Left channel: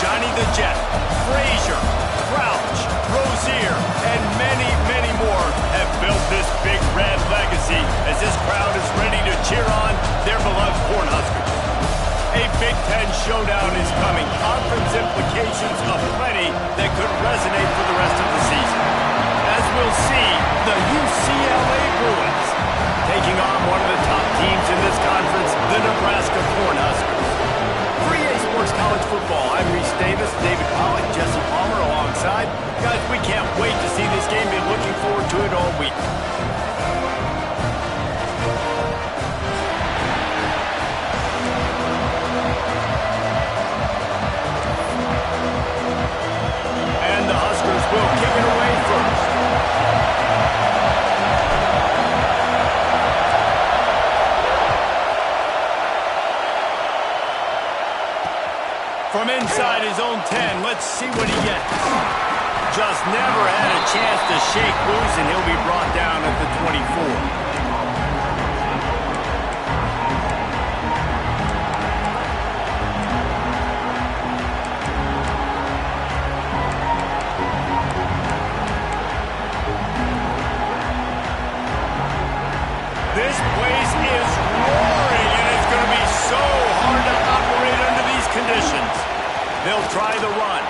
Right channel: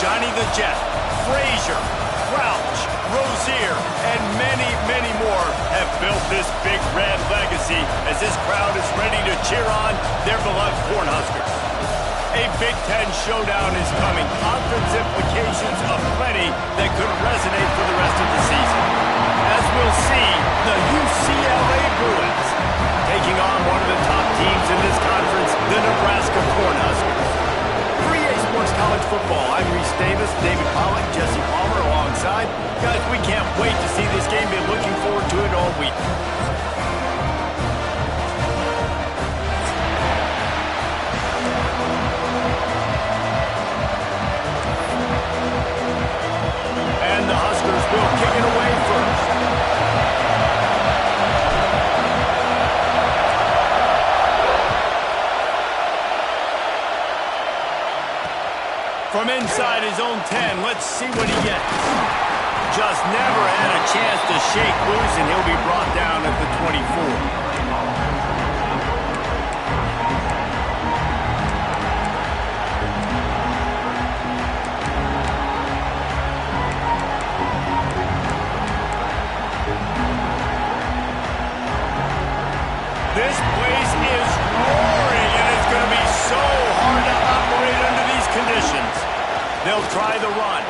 Johnny the Jet, Frazier, Crouch, Rozier, and many, many more have built this Big Red legacy as this crowd is ready to cheer on their beloved Cornhuskers. A Big Ten showdown is coming. Conference implications aplenty that could resonate for the rest of the season. As we'll see, the UCLA Bruins taking on one of the top teams in this conference, the Nebraska Cornhuskers. For EA Sports College Football, I'm Reese Davis, David Pollack, Jesse Palmer alongside. Guys, we can't wait to see this game. Been looking forward to it all week. And the Huskers will kick it away first. From inside his own 10, let's see what he gets. Just never had a chance to shake loose, and he'll be brought down at the 24. This place is roaring, and it's going to be so hard to operate under these conditions. They'll try the run.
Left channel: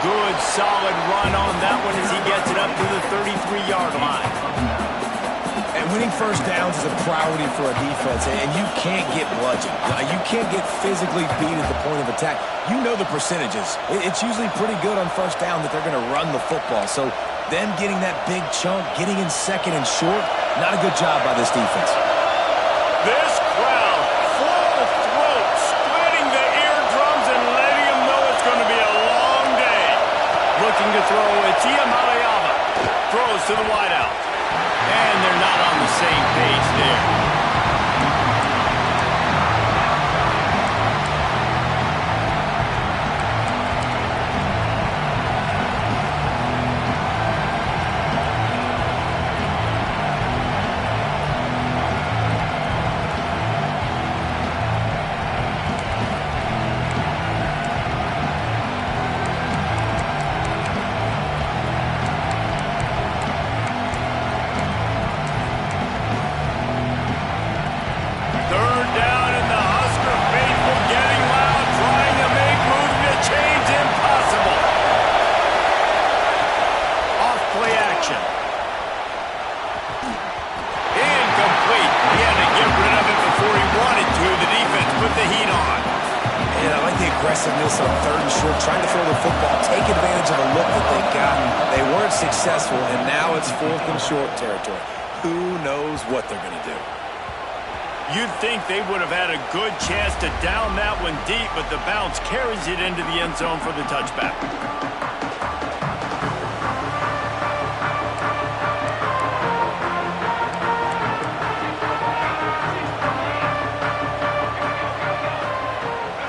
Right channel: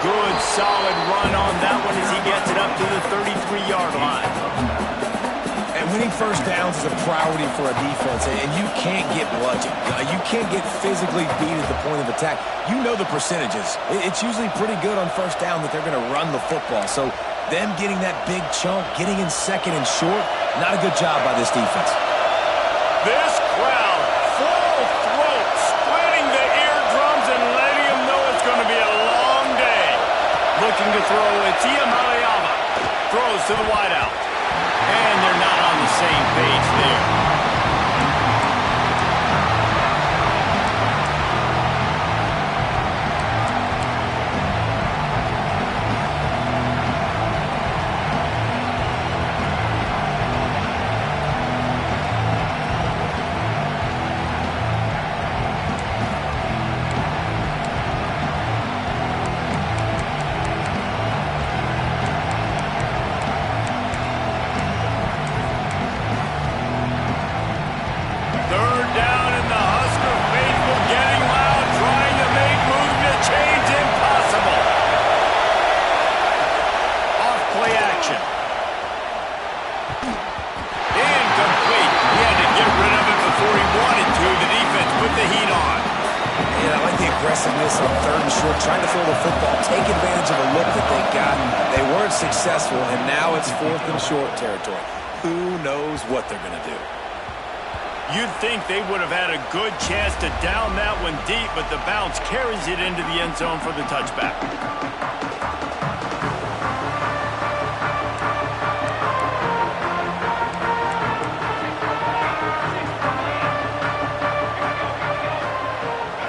Good, solid run on that one as he gets it up to the 33-yard line. And winning first downs is a priority for a defense, and you can't get bludgeoned. You can't get physically beat at the point of attack. You know the percentages. It's usually pretty good on first down that they're going to run the football. So them getting that big chunk, getting in second and short, not a good job by this defense. This crowd, full throat, splitting the eardrums and letting them know it's going to be a long day. Looking to throw, it's Iamaleava. Throws to the wideout. And they're not on the same page there. Incomplete. He had to get rid of it before he wanted to. The defense put the heat on. And I like the aggressiveness on third and short, trying to throw the football, take advantage of a look that they got. They weren't successful, and now it's fourth and short territory. Who knows what they're going to do? You'd think they would have had a good chance to down that one deep, but the bounce carries it into the end zone for the touchback.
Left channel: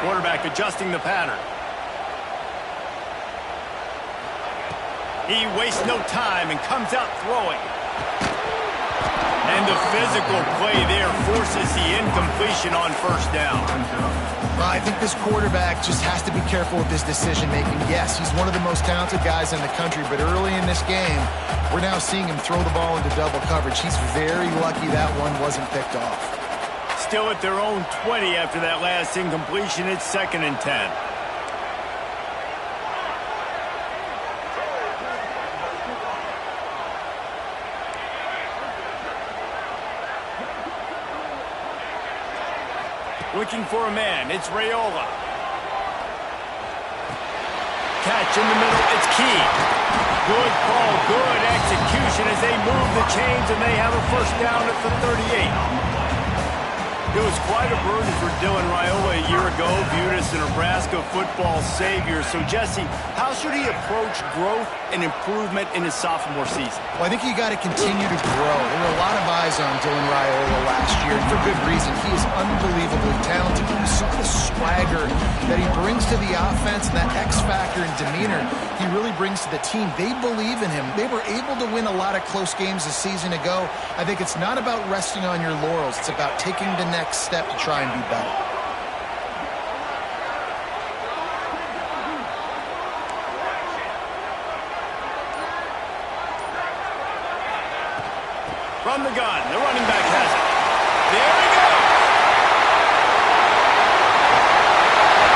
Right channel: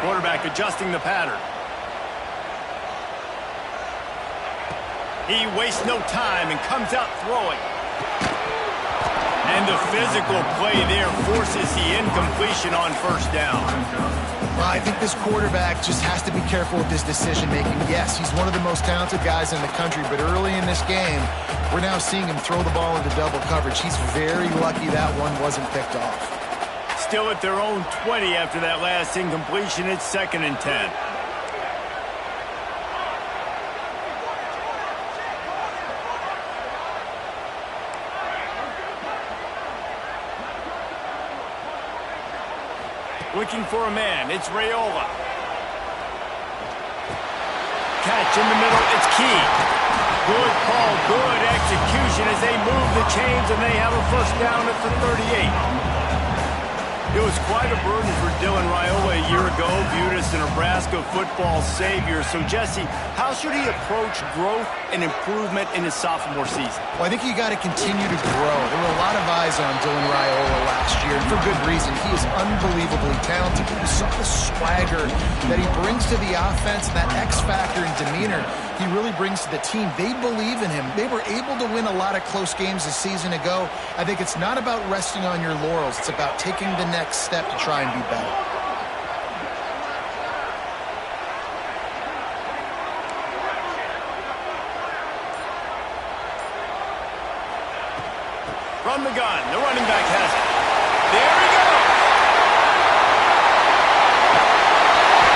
Quarterback adjusting the pattern. He wastes no time and comes out throwing. And the physical play there forces the incompletion on first down. Well, I think this quarterback just has to be careful with his decision-making. Yes, he's one of the most talented guys in the country, but early in this game, we're now seeing him throw the ball into double coverage. He's very lucky that one wasn't picked off. Still at their own 20 after that last incompletion. It's 2nd and 10. Looking for a man. It's Raiola. Catch in the middle. It's Key. Good call. Good execution as they move the chains, and they have a first down at the 38. It was quite a burden for Dylan Raiola a year ago, viewed as the Nebraska football savior. So, Jesse, how should he approach growth and improvement in his sophomore season? Well, I think you got to continue to grow. There were a lot of eyes on Dylan Raiola last year, and for good reason. He is unbelievably talented. You saw the swagger that he brings to the offense, and that X factor and demeanor he really brings to the team. They believe in him. They were able to win a lot of close games a season ago. I think it's not about resting on your laurels. It's about taking the next step to try and be better. From the gun, the running back has it. There he goes.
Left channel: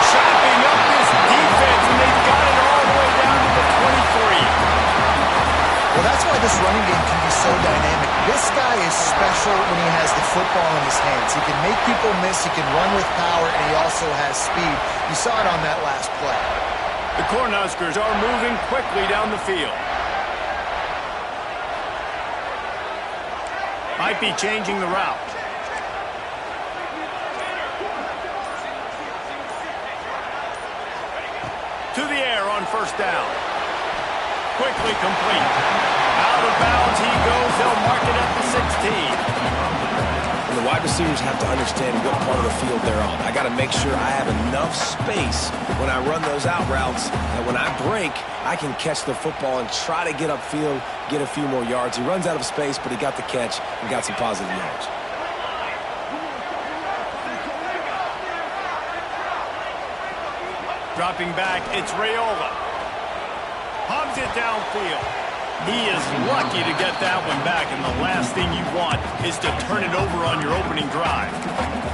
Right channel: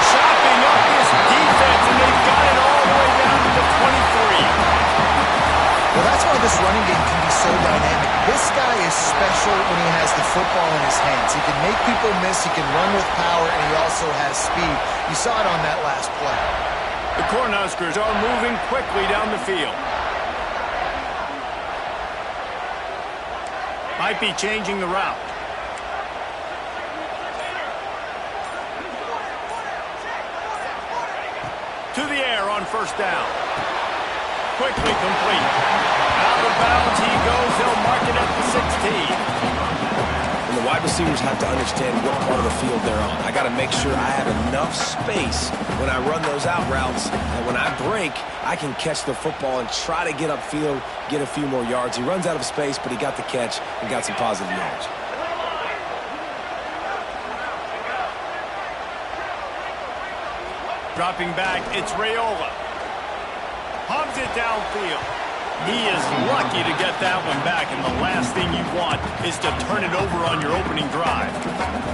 Chopping up this defense, and they've got it all the way down to the 23. Well, that's why this running game can be so dynamic. This guy is special when he has the football in his hands. He can make people miss, he can run with power, and he also has speed. You saw it on that last play. The Cornhuskers are moving quickly down the field. Might be changing the route. To the air on first down. Quickly complete. Out of bounds he goes. They'll mark it at the 16. And the wide receivers have to understand what part of the field they're on. I got to make sure I have enough space when I run those out routes that when I break, I can catch the football and try to get upfield, get a few more yards. He runs out of space, but he got the catch and got some positive yards. Dropping back, it's Raiola. Hogs it downfield. He is lucky to get that one back, and the last thing you want is to turn it over on your opening drive.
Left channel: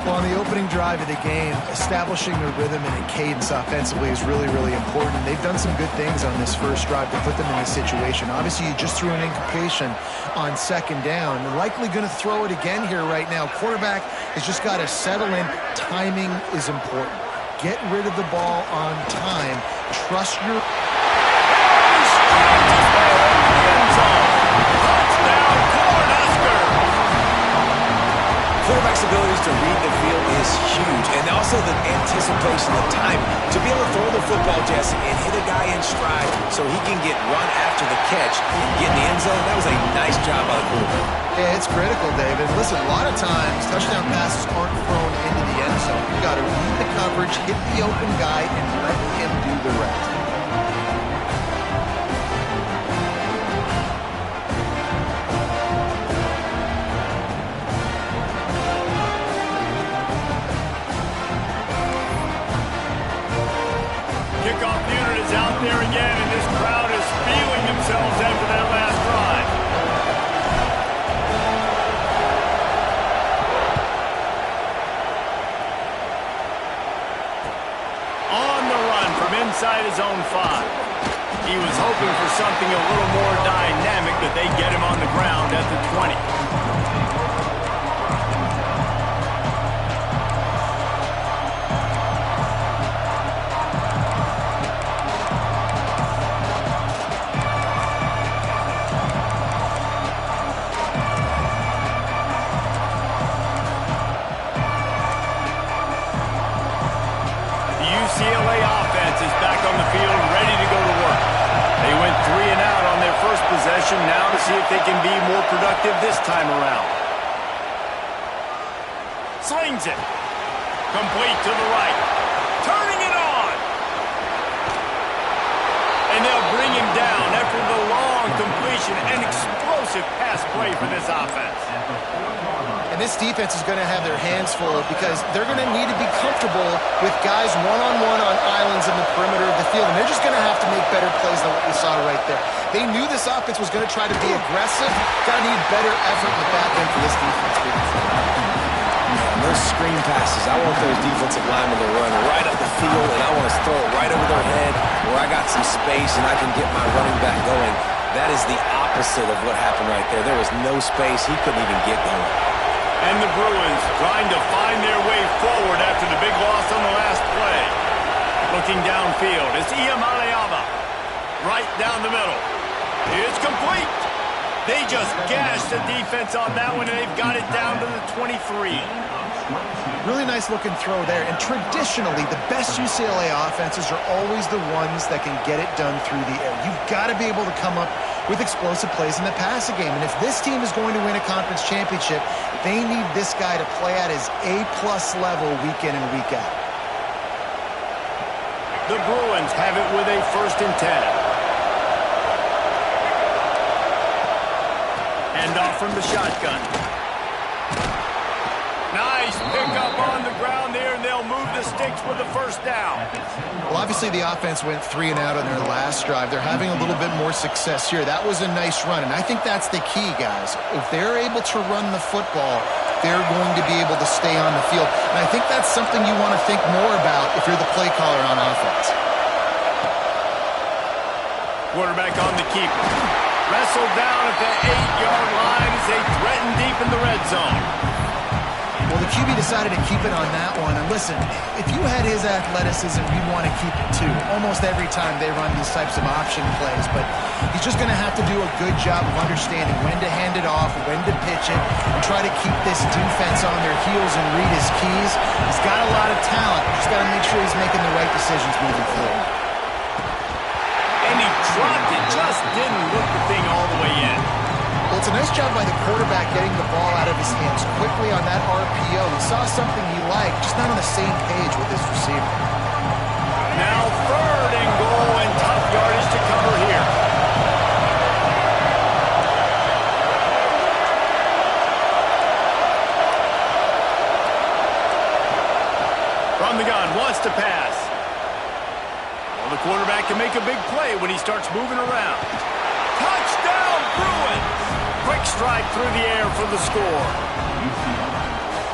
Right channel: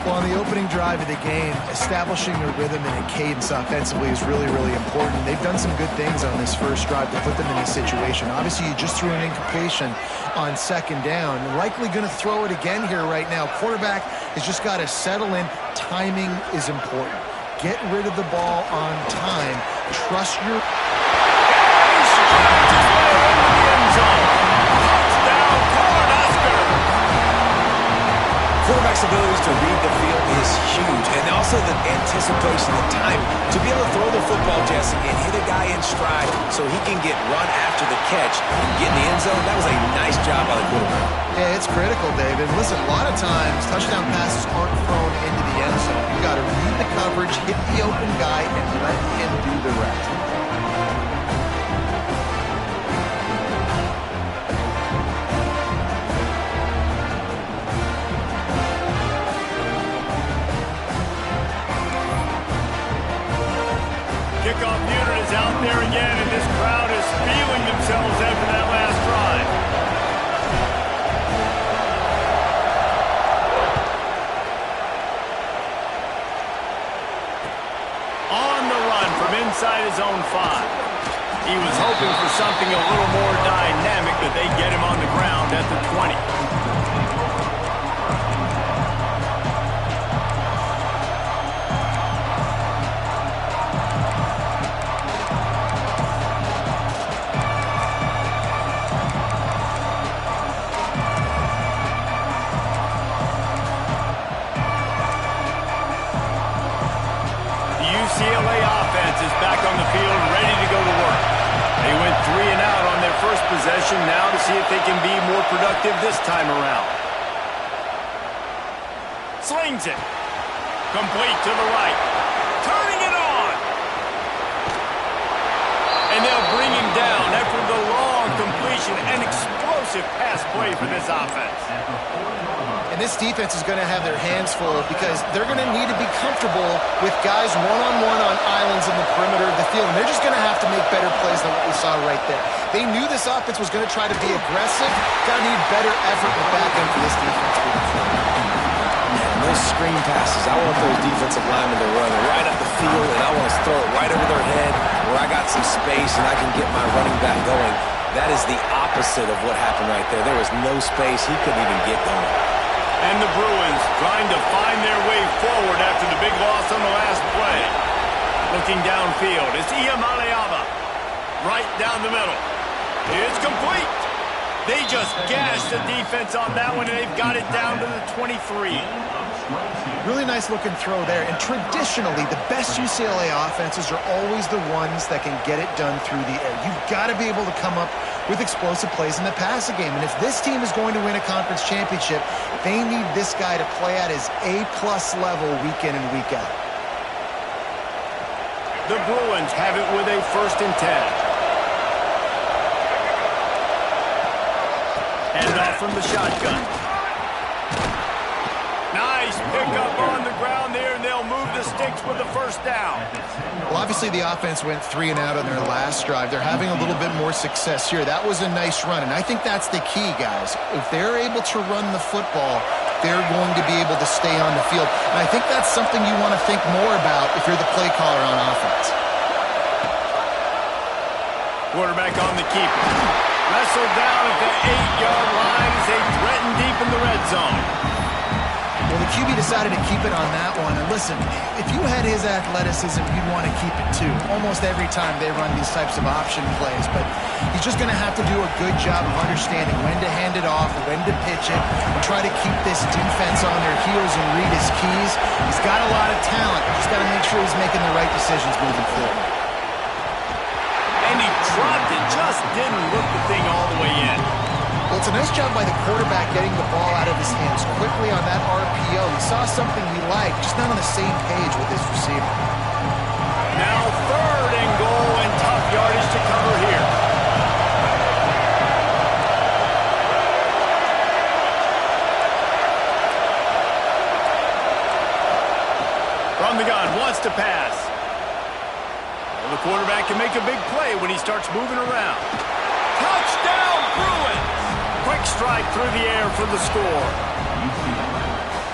Well, on the opening drive of the game, establishing a rhythm and a cadence offensively is really, really important. They've done some good things on this first drive to put them in this situation. Obviously, you just threw an incompletion on second down. Likely going to throw it again here right now. Quarterback has just got to settle in. Timing is important. Get rid of the ball on time. Trust your... He strides his way into the end zone. Touchdown, Cornhusker! Quarterback's abilities to read the field is huge, and also the anticipation, the time to be able to throw the football, Jesse, and hit a guy in stride so he can get run after the catch and get in the end zone. That was a nice job by the quarterback. Yeah, it's critical, David. Listen, a lot of times touchdown passes aren't thrown into the end zone. You got to read the coverage, hit the open guy, and let him do the rest. Kickoff unit is out there again, and this crowd is feeling themselves after that last drive. On the run from inside his own 5. He was hoping for something a little more dynamic, but they get him on the ground at the 20. UCLA offense is back on the field, ready to go to work. They went 3 and out on their first possession, now to see if they can be more productive this time around. Slings it. Complete to the right. Turning it on. And they'll bring him down after the long completion. An explosive pass play for this offense. And this defense is going to have their hands full because they're going to need to be comfortable with guys one-on-one on islands in the perimeter of the field. And they're just going to have to make better plays than what we saw right there. They knew this offense was going to try to be aggressive. Got to need better effort in the back end for this defense moving forward. Man, those screen passes, I want those defensive linemen to run right up the field, and I want to throw it right over their head where I got some space and I can get my running back going. That is the opposite of what happened right there. There was no space. He couldn't even get going. And the Bruins trying to find their way forward after the big loss on the last play. Looking downfield, it's Iamaleava. Right down the middle. It's complete. They just gashed the defense on that one, and they've got it down to the 23. Really nice looking throw there. And traditionally, the best UCLA offenses are always the ones that can get it done through the air. You've got to be able to come up with explosive plays in the passing game. And if this team is going to win a conference championship, they need this guy to play at his A-plus level week in and week out. The Bruins have it with a 1st and 10. Hand off from the shotgun. Nice pickup on the ground there, and they'll move the sticks with the first down. Well, obviously the offense went 3 and out on their last drive. They're having a little bit more success here. That was a nice run, and I think that's the key, guys. If they're able to run the football, they're going to be able to stay on the field. And I think that's something you want to think more about if you're the play caller on offense. Quarterback on the keeper. Wrestled down at the 8-yard line as they threaten deep in the red zone. Well, the QB decided to keep it on that one. And listen, if you had his athleticism, you'd want to keep it too. Almost every time they run these types of option plays. But he's just going to have to do a good job of understanding when to hand it off, when to pitch it, and try to keep this defense on their heels and read his keys. He's got a lot of talent. Just got to make sure he's making the right decisions moving forward. And he dropped it, just didn't look the thing all the way in. Well, it's a nice job by the quarterback getting the ball out of his hands quickly on that RPO. He saw something he liked, just not on the same page with his receiver. Now 3rd and goal, and tough yardage to cover here. From the gun, wants to pass. Well, the quarterback can make a big play when he starts moving around. Touchdown, Bruins! Quick strike through the air for the score.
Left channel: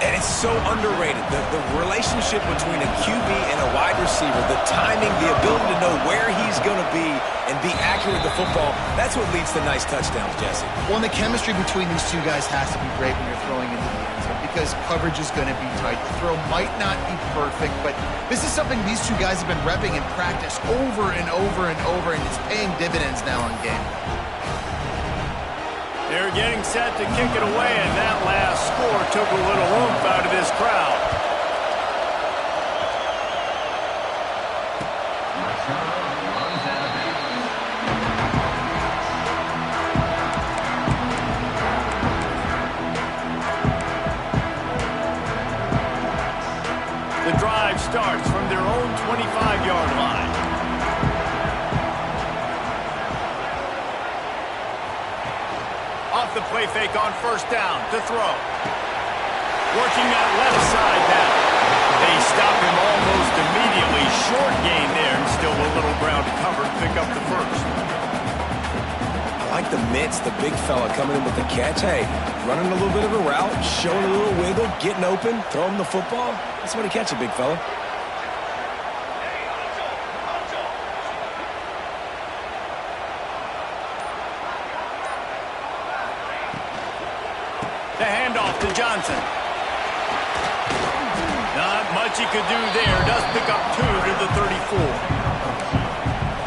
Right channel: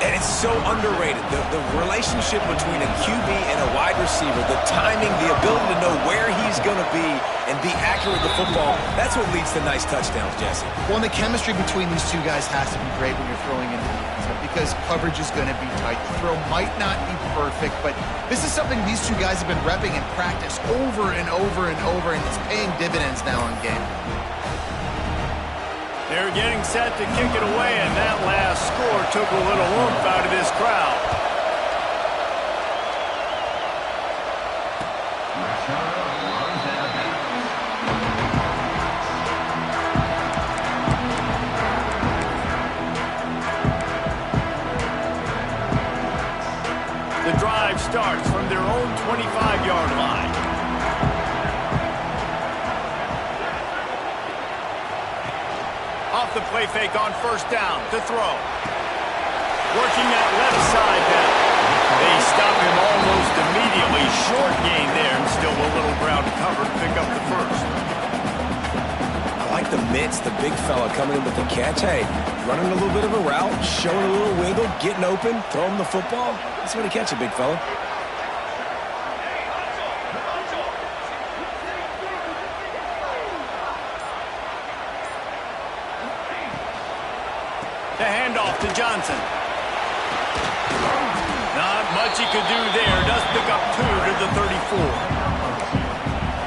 And it's so underrated. The relationship between a QB and a wide receiver, the timing, the ability to know where he's going to be and be accurate with the football, that's what leads to nice touchdowns, Jesse. Well, and the chemistry between these two guys has to be great when you're throwing into the end zone because coverage is going to be tight. The throw might not be perfect, but this is something these two guys have been repping in practice over and over and over, and it's paying dividends now on game day. They're getting set to kick it away, and that last score took a little oomph out of this crowd. The drive starts from their own 25-yard line. Off the play fake on 1st down to throw. Working that left side now. They stop him almost immediately. Short gain there, and still a little ground to cover to pick up the 1st. I like the mitts, the big fella coming in with the catch. Hey, running a little bit of a route, showing a little wiggle, getting open, throwing the football. That's what he catch it, big fella. The handoff to Johnson. Not much he could do there. Does pick up 2 to the 34.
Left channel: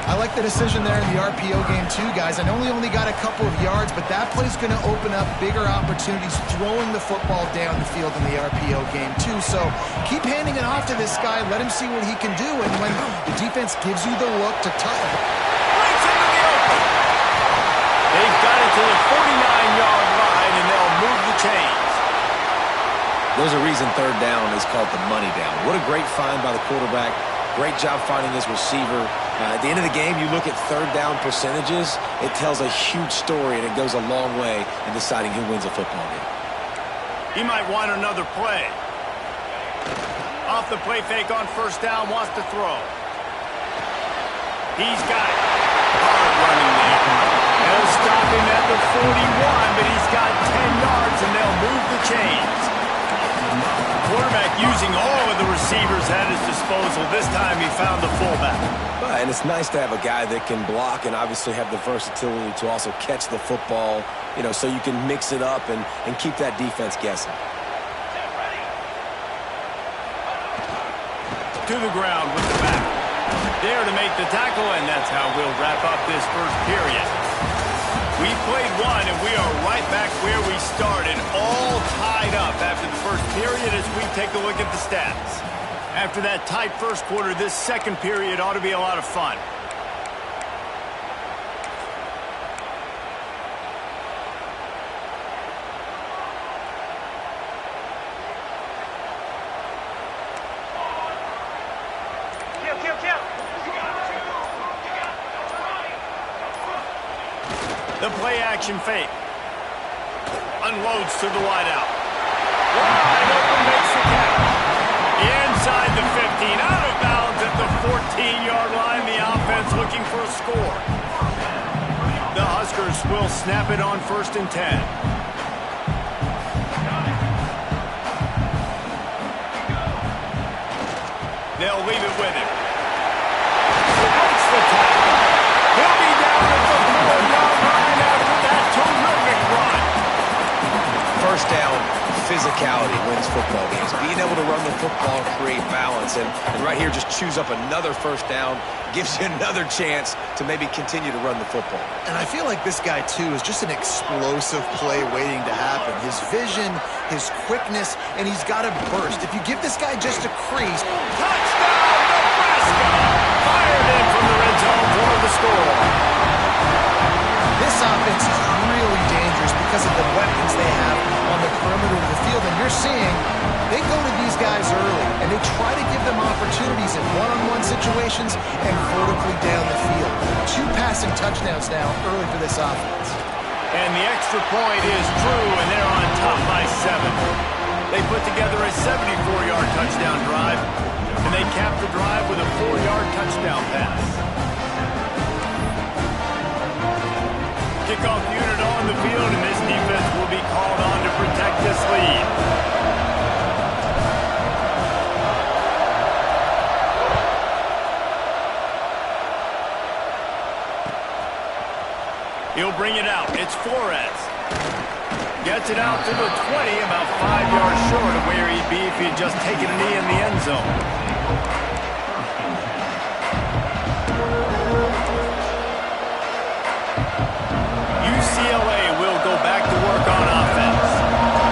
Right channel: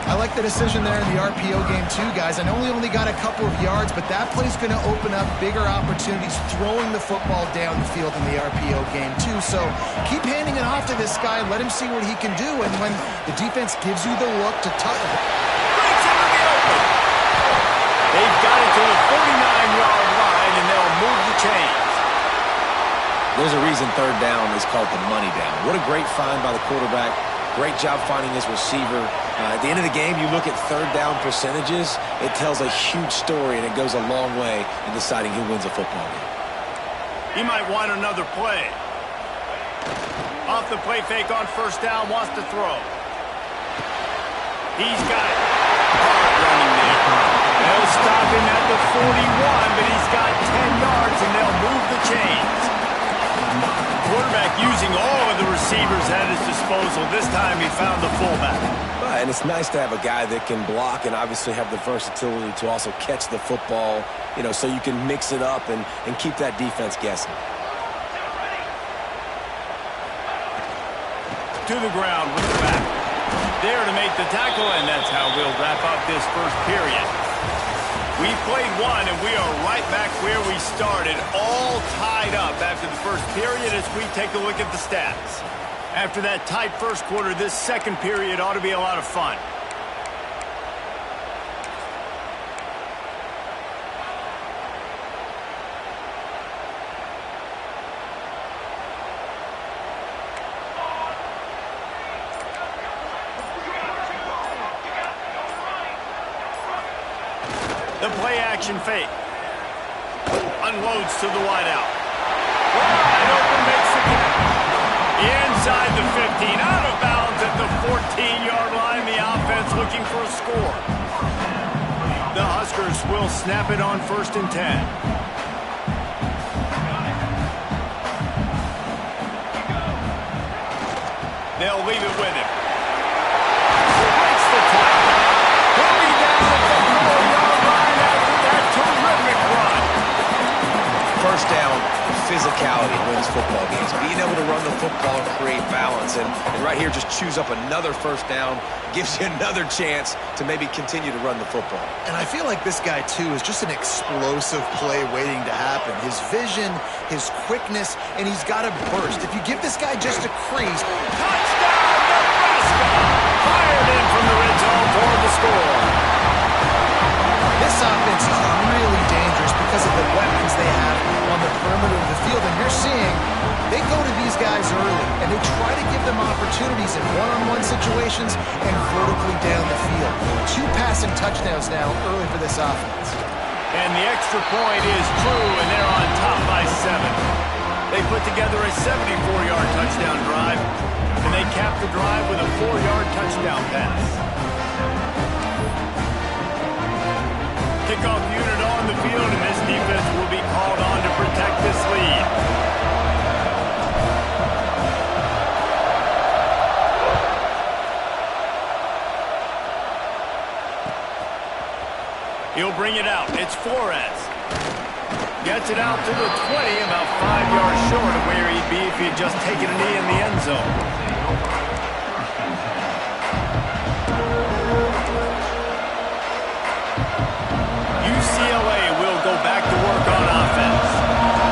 I like the decision there in the RPO game too, guys. I know he only got a couple of yards, but that play's going to open up bigger opportunities throwing the football down the field in the RPO game too. So keep handing it off to this guy. Let him see what he can do. And when the defense gives you the look to touch, breaks into the open. They've got it to the 49-yard line, and they'll move the chains. There's a reason 3rd down is called the money down. What a great find by the quarterback. Great job finding his receiver. At the end of the game, you look at 3rd down percentages. It tells a huge story, and it goes a long way in deciding who wins a football game. He might want another play. Off the play fake on 1st down, wants to throw. He's got it. Hard running there. They'll stop him at the 41, but he's got 10 yards, and they'll move the chains. Quarterback using all of the receivers at his disposal. This time he found the fullback. And it's nice to have a guy that can block and obviously have the versatility to also catch the football, you know, so you can mix it up and keep that defense guessing. To the ground with the back. There to make the tackle, and that's how we'll wrap up this 1st period. We played one, and we are right back where we started, all tied up after the 1st period as we take a look at the stats. After that tight 1st quarter, this 2nd period ought to be a lot of fun. The play action fake. Unloads to the wideout. Wide open, makes the catch. Inside the 15, out of bounds at the 14-yard line. The offense looking for a score. The Huskers will snap it on 1st and 10. They'll leave it with him. Breaks the tackle. He'll be down at the 4-yard line after that terrific run. First down, physicality wins football games. Being able to run the football and create balance. And right here, just choose up another first down. Gives you another chance to maybe continue to run the football. And I feel like this guy, too, is just an explosive play waiting to happen. His vision, his quickness, and he's got a burst. If you give this guy just a crease. Touchdown, Nebraska! Fired in from the red zone for the score. This offense is really dangerous because of the weapons they have on the perimeter of the field. And you're seeing they go to these guys early, and they try to give them opportunities in one-on-one situations and vertically down the field. 2 passing touchdowns now early for this offense. And the extra point is true, and they're on top by 7. They put together a 74-yard touchdown drive, and they capped the drive with a 4-yard touchdown pass. Kickoff unit on the field, and this defense will be called on to protect this lead. He'll bring it out. It's Flores. Gets it out to the 20, about 5 yards short of where he'd be if he'd just taken a knee in the end zone. UCLA will go back to work on offense.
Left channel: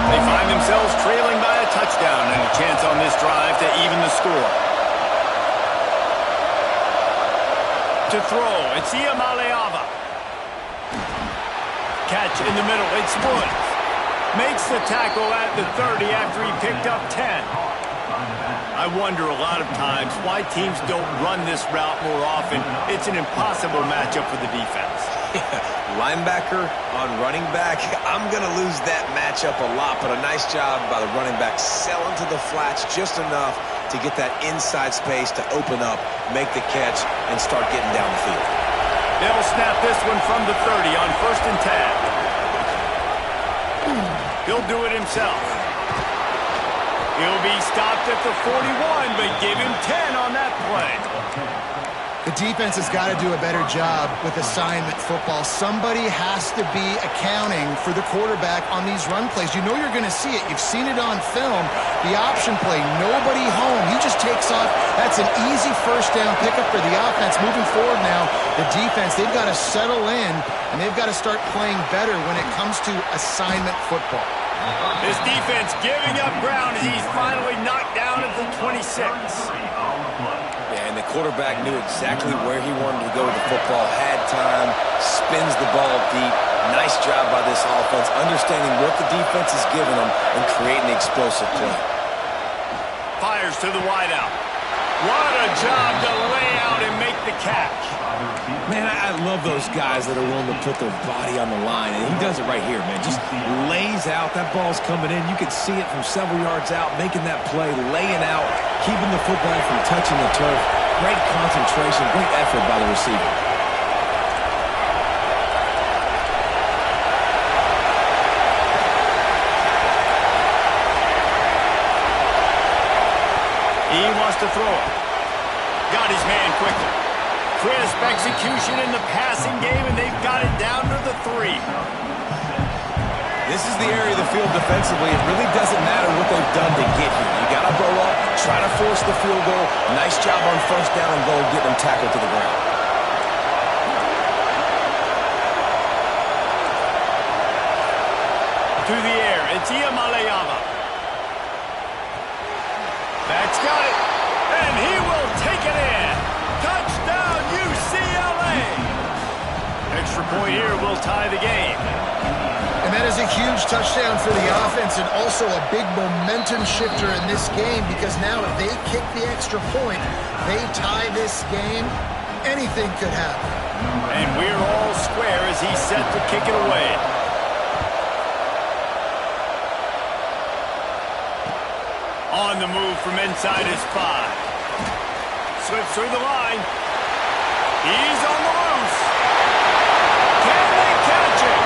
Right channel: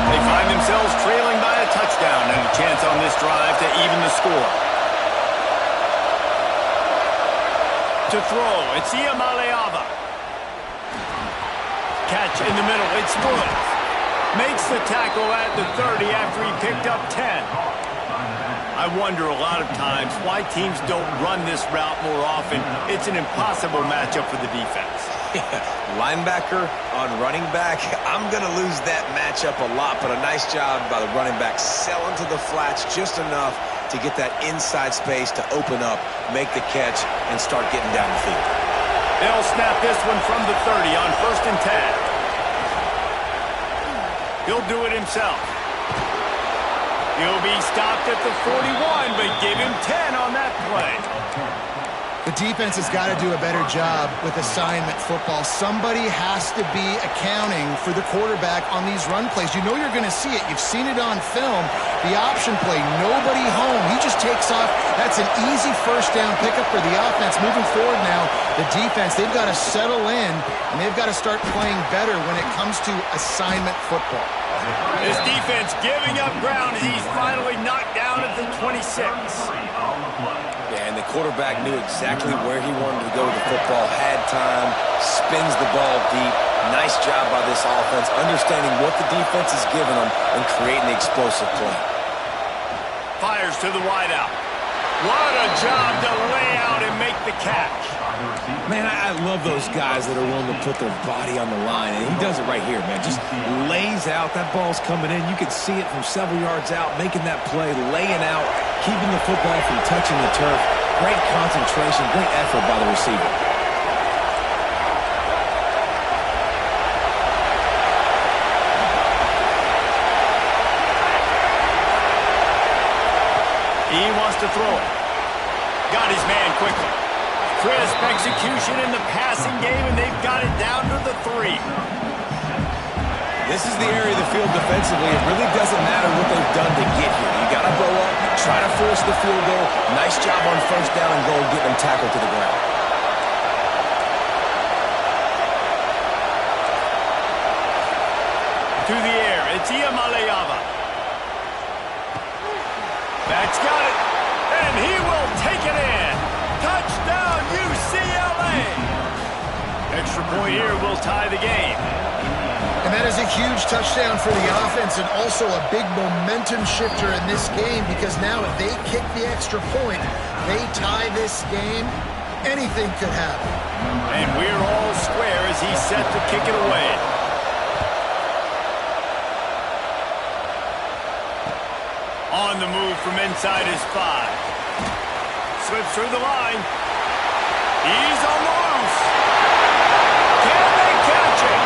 They find themselves trailing by a touchdown and a chance on this drive to even the score. To throw, it's Iamaleava. Catch in the middle, it's Woods. Makes the tackle at the 30 after he picked up 10. I wonder a lot of times why teams don't run this route more often. It's an impossible matchup for the defense. Linebacker on running back. I'm going to lose that matchup a lot, but a nice job by the running back selling to the flats just enough to get that inside space to open up, make the catch, and start getting down the field. They'll snap this one from the 30 on 1st and 10. He'll do it himself. He'll be stopped at the 41, but give him 10 on that play. The defense has got to do a better job with assignment football. Somebody has to be accounting for the quarterback on these run plays. You know you're going to see it. You've seen it on film. The option play, nobody home. He just takes off. That's an easy first down pickup for the offense. Moving forward now, the defense, they've got to settle in, and they've got to start playing better when it comes to assignment football. This defense giving up ground as he's finally knocked down at the 26. Yeah, and the quarterback knew exactly where he wanted to go with the football, had time, spins the ball deep. Nice job by this offense, understanding what the defense is giving them and creating the explosive play. Fires to the wideout. What a job to lay out and make the catch. Man, I love those guys that are willing to put their body on the line, and he does it right here, man. Just lays out. That ball's coming in. You can see it from several yards out, making that play, laying out, keeping the football from touching the turf. Great concentration, great effort by the receiver. He wants to throw it. Got his man quickly. Crisp execution in the passing game, and they've got it down to the 3. This is the area of the field defensively. It really doesn't matter what they've done to get here. You got to blow up, try to force the field goal. Nice job on first down and goal, getting them tackled to the ground. To the air, it's Iamaleava. That's got it, and he will take it in. Touchdown, UCLA! Extra point here will tie the game. And that is a huge touchdown for the offense and also a big momentum shifter in this game because now if they kick the extra point, they tie this game, anything could happen. And we're all square as he's set to kick it away. On the move from inside his 5. Slips through the line. He's on the loose. Can they catch him?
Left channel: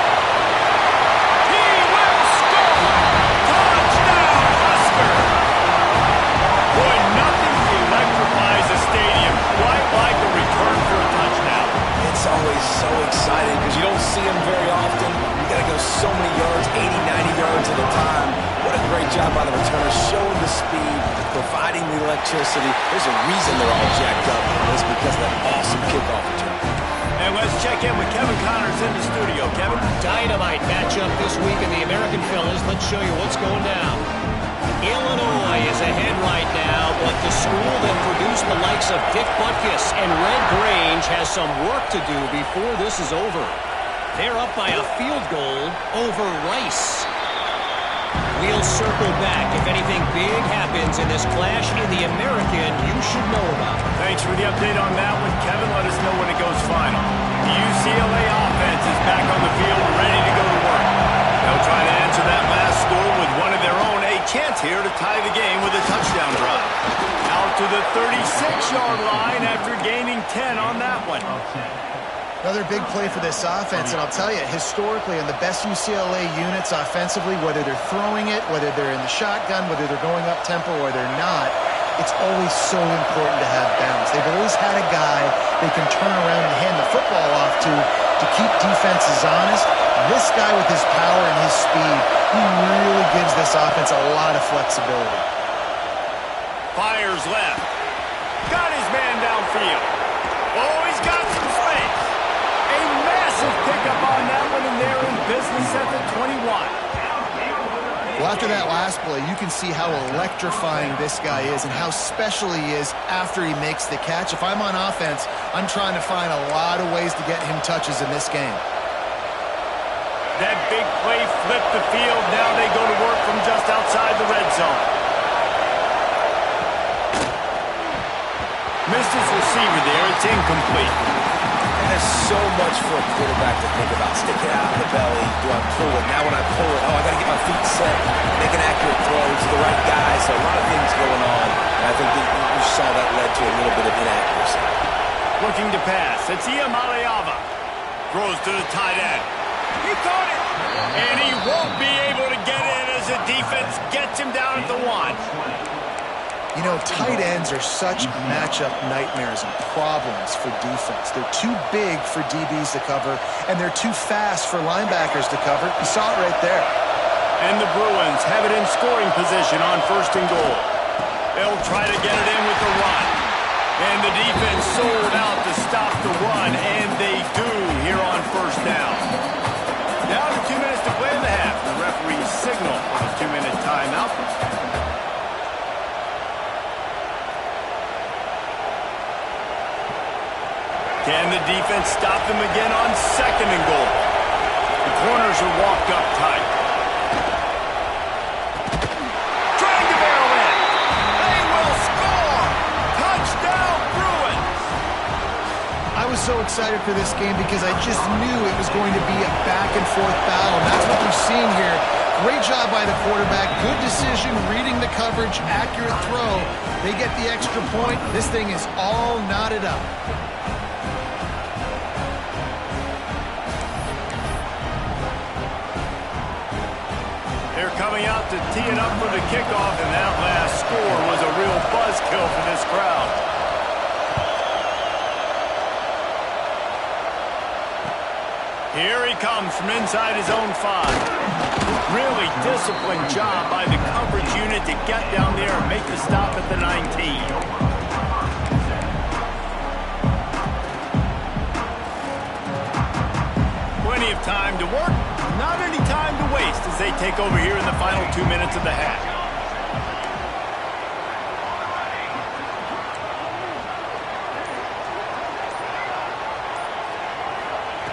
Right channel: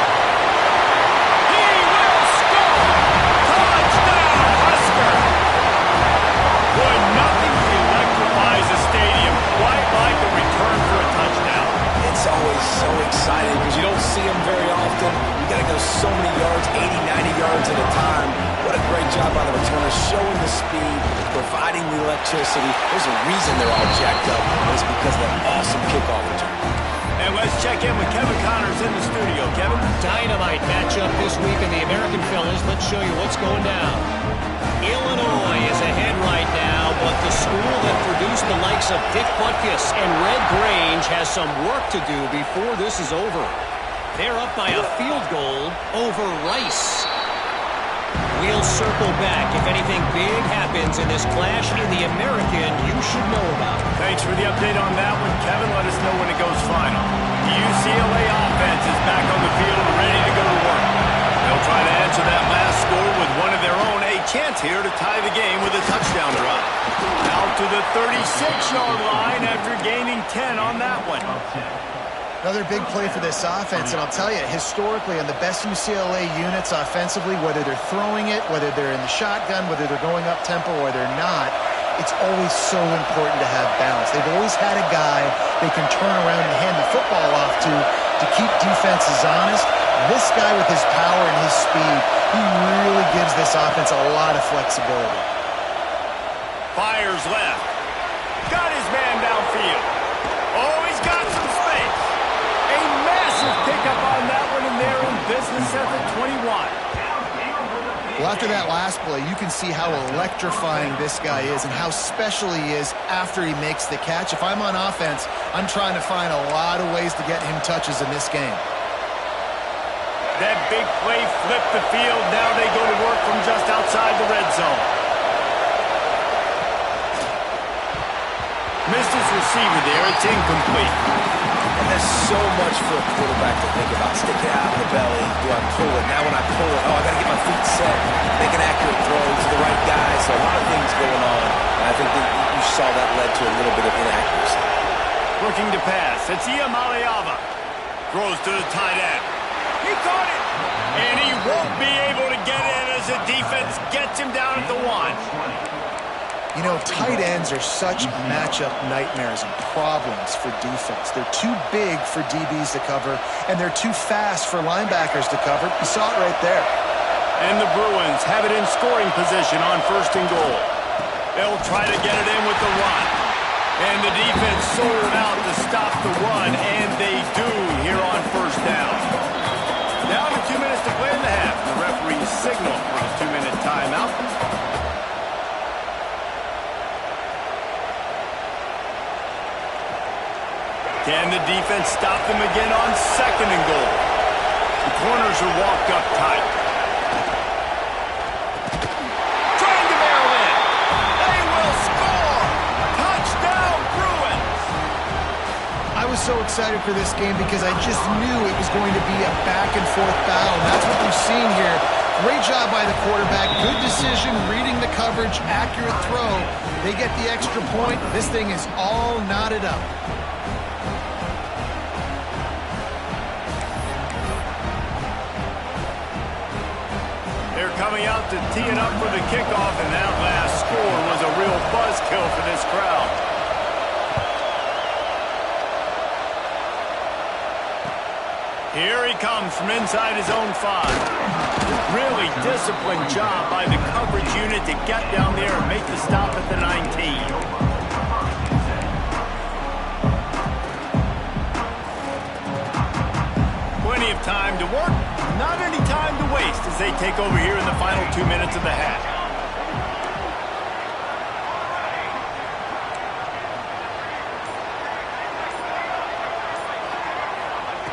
He will score! Touchdown, Husker! Boy, nothing electrifies a stadium quite like a return for a touchdown. It's always so exciting because you don't see them very often. You got to go so many yards, 80, 90 yards at a time. What a great job by the returners, showing the speed, providing the electricity. There's a reason they're all jacked up, and it's because of that awesome kickoff return. And let's check in with Kevin Connors in the studio. Kevin? Dynamite matchup this week in the American Fellas. Let's show you what's going down. Illinois is ahead right now, but the school that produced the likes of Dick Butkus and Red Grange has some work to do before this is over. They're up by a field goal over Rice. We'll circle back if anything big happens in this clash in the American you should know about. Thanks for the update on that one, Kevin. Let us know when it goes final. The UCLA offense is back on the field, ready to go to work. They'll try to answer that last score with one of their own. A chance here to tie the game with a touchdown drive. Out to the 36-yard line after gaining 10 on that one. Another big play for this offense, and I'll tell you, historically, on the best UCLA units offensively, whether they're throwing it, whether they're in the shotgun, whether they're going up-tempo or they're not, it's always so important to have balance. They've always had a guy they can turn around and hand the football off to keep defenses honest. This guy with his power and his speed, he really gives this offense a lot of flexibility. Fires left. Got his man downfield. Oh, he's got some space. A massive pickup on that one, and they're in business at the 21. Well, after that last play, you can see how electrifying this guy is and how special he is after he makes the catch. If I'm on offense, I'm trying to find a lot of ways to get him touches in this game. That big play flipped the field. Now they go to work from just outside the red zone. Missed his receiver there. It's incomplete. And there's so much for a quarterback to think about. Stick it out in the belly. Do I pull it? Now when I pull it, I got to get my feet set. Make an accurate throw to the right guy. So a lot of things going on. And I think that you saw that led to a little bit of inaccuracy. Looking to pass. It's Iamaleava. Throws to the tight end. He caught it. And he won't be able to get in as the defense gets him down at the 1. You know, tight ends are such matchup nightmares and problems for defense. They're too big for DBs to cover, and they're too fast for linebackers to cover. You saw it right there. And the Bruins have it in scoring position on 1st and goal. They'll try to get it in with the run. And the defense sold out to stop the run, and they do here on 1st down. Down to 2 minutes to play in the half. The referee signal for the 2-minute timeout. Can the defense stop them again on 2nd and goal? The corners are walked up tight. Trying to barrel in. They will score! Touchdown, Bruins! I was so excited for this game because I just knew it was going to be a back-and-forth battle. And that's what we've seen here. Great job by the quarterback. Good decision, reading the coverage, accurate throw. They get the extra point. This thing is all knotted up. They're coming out to tee it up for the kickoff, and that last score was a real buzzkill for this crowd. Here he comes from inside his own 5. Really disciplined job by the coverage unit to get down there and make the stop at the 19. Plenty of time to work, not any time to waste as they take over here in the final 2 minutes of the half.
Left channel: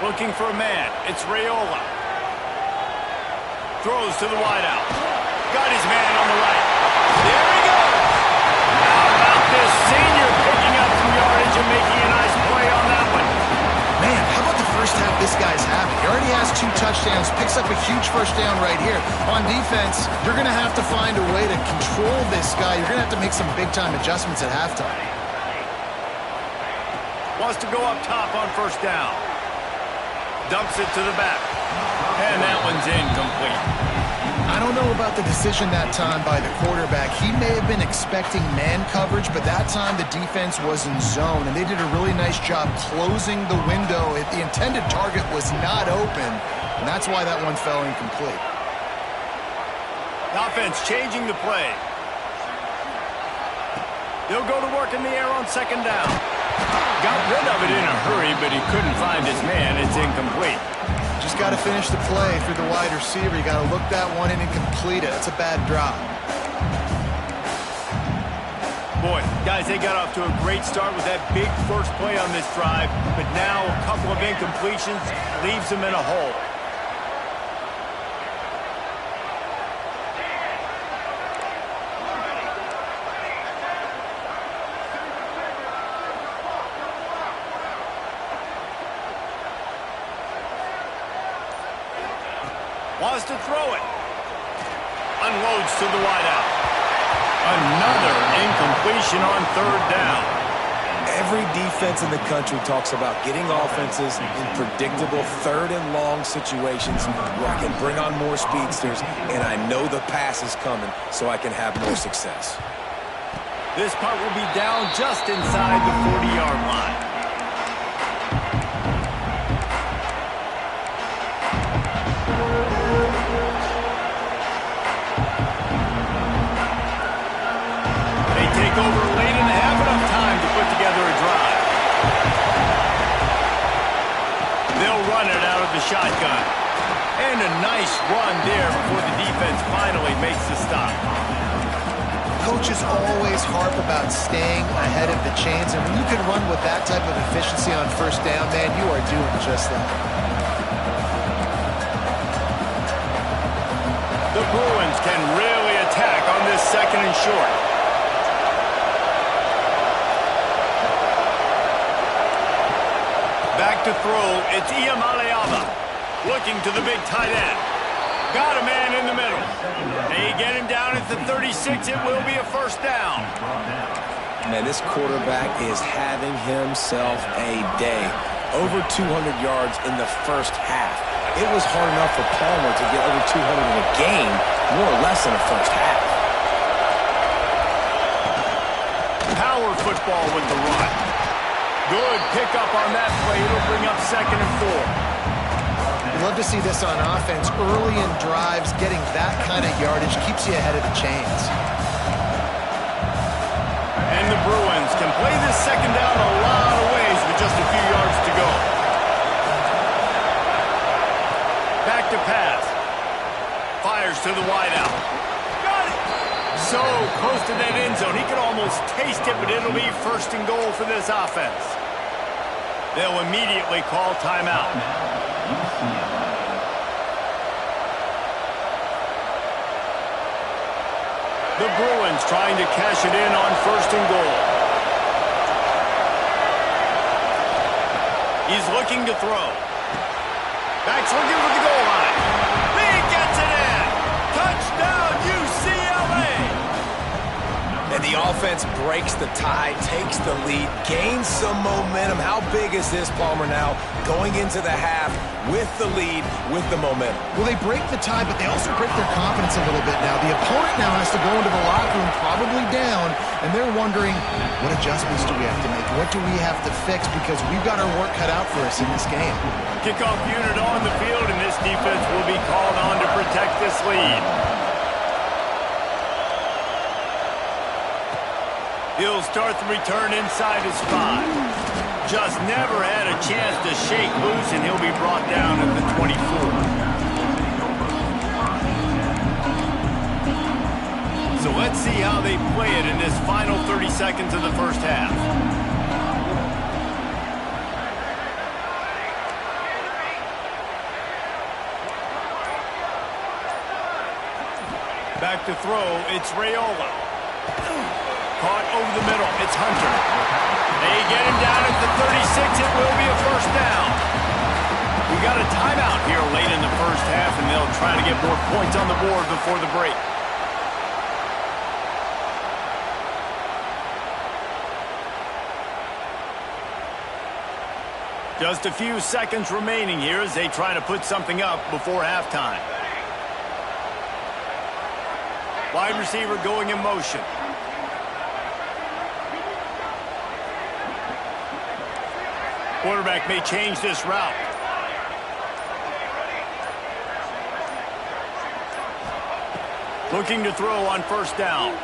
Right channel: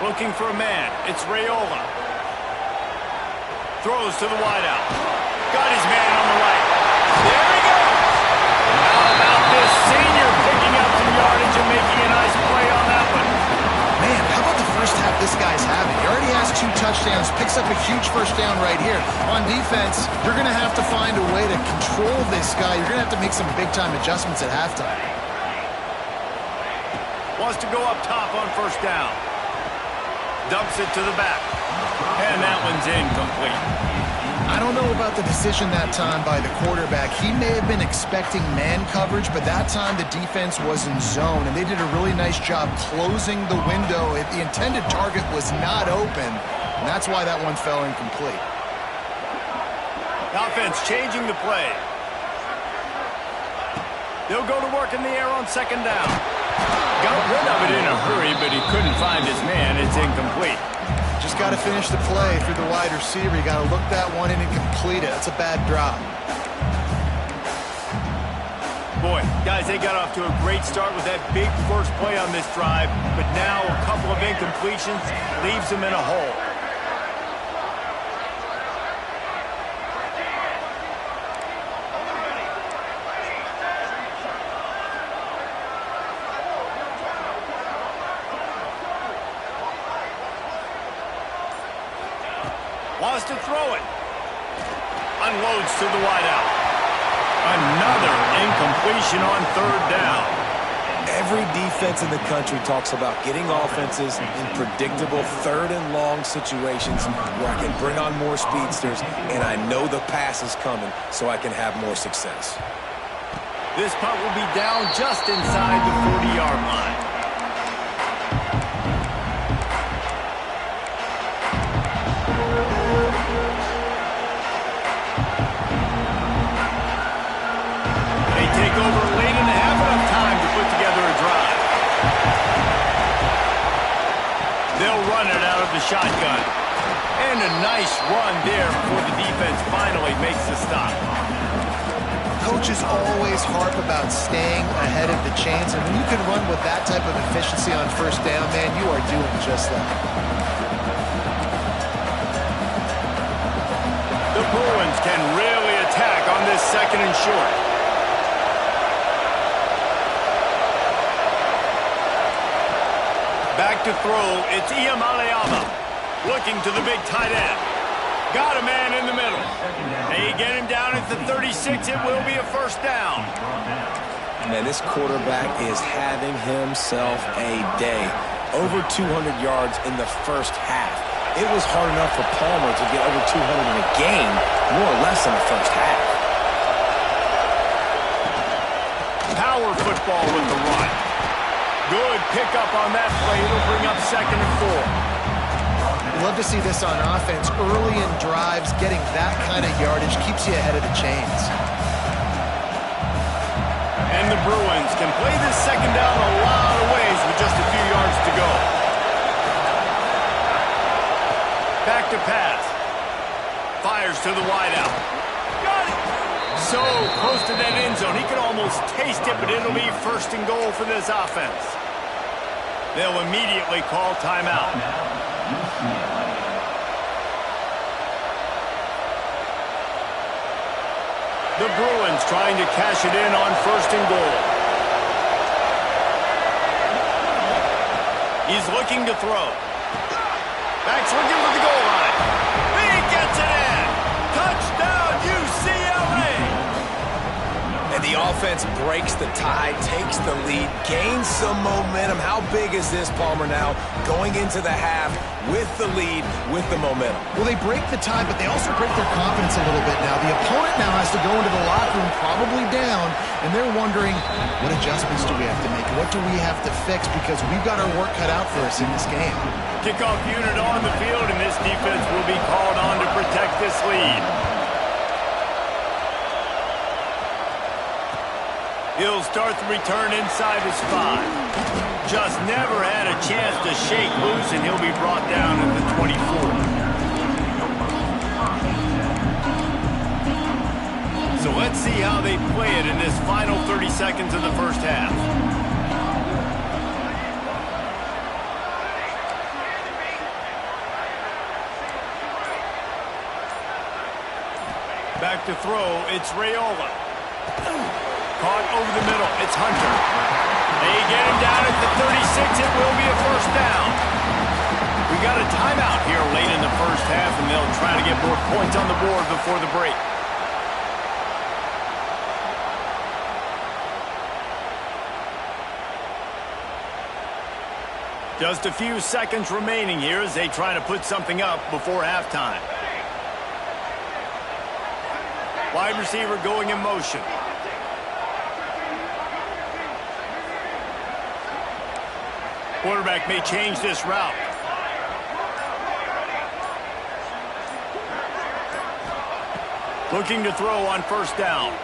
Looking for a man, it's Raiola. Throws to the wideout. Got his man on the right. There he goes! How about this senior picking up some yardage and making a nice play on that one? Man, how about the first half this guy's having. He already has 2 touchdowns, picks up a huge first down right here. On defense, you're going to have to find a way to control this guy. You're going to have to make some big-time adjustments at halftime. Wants to go up top on first down. Dumps it to the back. And that one's incomplete. I don't know about the decision that time by the quarterback. He may have been expecting man coverage, but that time the defense was in zone, and they did a really nice job closing the window. The intended target was not open, and that's why that one fell incomplete. Offense changing the play. They'll go to work in the air on second down. Got rid of it in a hurry, but he couldn't find his man. It's incomplete. Just got to finish the play through the wide receiver. You got to look that one in and complete it. That's a bad drop. Boy, guys, they got off to a great start with that big first play on this drive, but now a couple of incompletions leaves them in a hole. Wants to throw it. Unloads to the wideout. Another incompletion on third down. Every defense in the country talks about getting offenses in predictable third and long situations where I can bring on more speedsters and I know the pass is coming so I can have more success. This punt will be down just inside the 40-yard line. Take over late in the half, enough time to put together a drive. They'll run it out of the shotgun. And a nice run there before the defense finally makes the stop. Coaches always harp about staying ahead of the chains, and when you can run with that type of efficiency on first down, man, you are doing just that. The Bruins can really attack on this second and short. Back to throw, it's Iamaleava. Looking to the big tight end. Got a man in the middle. They get him down at the 36. It will be a first down. Man, this quarterback is having himself a day. Over 200 yards in the first half. It was hard enough for Palmer to get over 200 in a game, more or less in the first half. Power football with the run. Good pickup on that play. It'll bring up second and 4. You love to see this on offense. Early in drives, getting that kind of yardage keeps you ahead of the chains. And the Bruins can play this second down a lot of ways with just a few yards to go. Back to pass. Fires to the wideout. Got it! So close to that end zone. He could almost taste it, but it'll be first and goal for this offense. They'll immediately call timeout. The Bruins trying to cash it in on first and goal. He's looking to throw. Back's looking for the goal line. He gets it in. Touchdown, UCLA. And the offense breaks the tie, takes the lead, gains some momentum. How big is this, Palmer, now going into the half with the lead, with the momentum? Well, they break the tie, but they also break their confidence a little bit now. The opponent now has to go into the locker room, probably down, and they're wondering, what adjustments do we have to make? What do we have to fix? Because we've got our work cut out for us in this game. Kickoff unit on the field, and this defense will be called on to protect this lead. He'll start the return inside his 5. Just never had a chance to shake loose, and he'll be brought down at the 24. So let's see how they play it in this final 30 seconds of the first half. Back to throw, it's Raiola. Caught over the middle, it's Hunter. They get him down at the 36, it will be a first down. We got a timeout here late in the first half, and they'll try to get more points on the board before the break. Just a few seconds remaining here as they try to put something up before halftime. Wide receiver going in motion. Quarterback may change this route. Looking to throw on first down.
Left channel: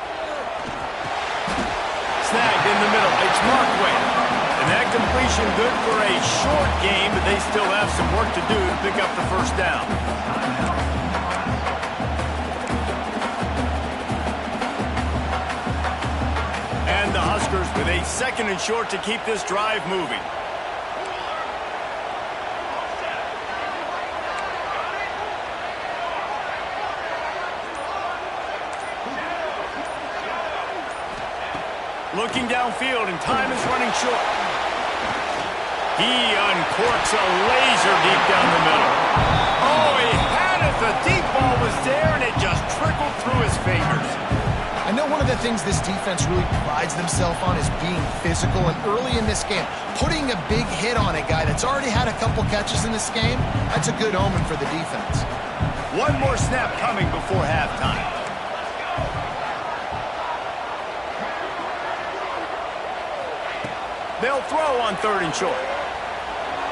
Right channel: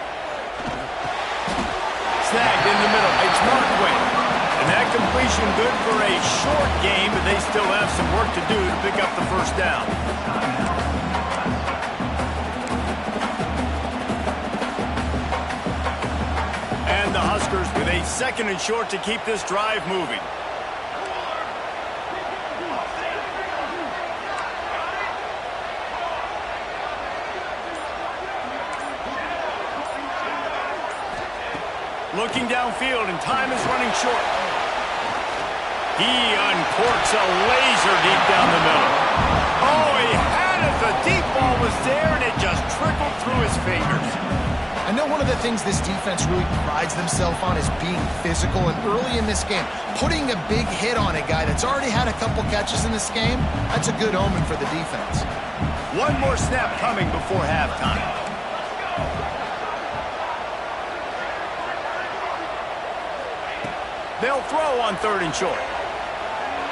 Snagged in the middle. It's Markway. And that completion good for a short game, but they still have some work to do to pick up the first down. And the Huskers with a 2nd and short to keep this drive moving. Looking downfield, and time is running short. He uncorks a laser deep down the middle. Oh, he had it. The deep ball was there, and it just trickled through his fingers. I know one of the things this defense really prides themselves on is being physical, and early in this game, putting a big hit on a guy that's already had a couple catches in this game, that's a good omen for the defense. One more snap coming before halftime. They'll throw on 3rd and short.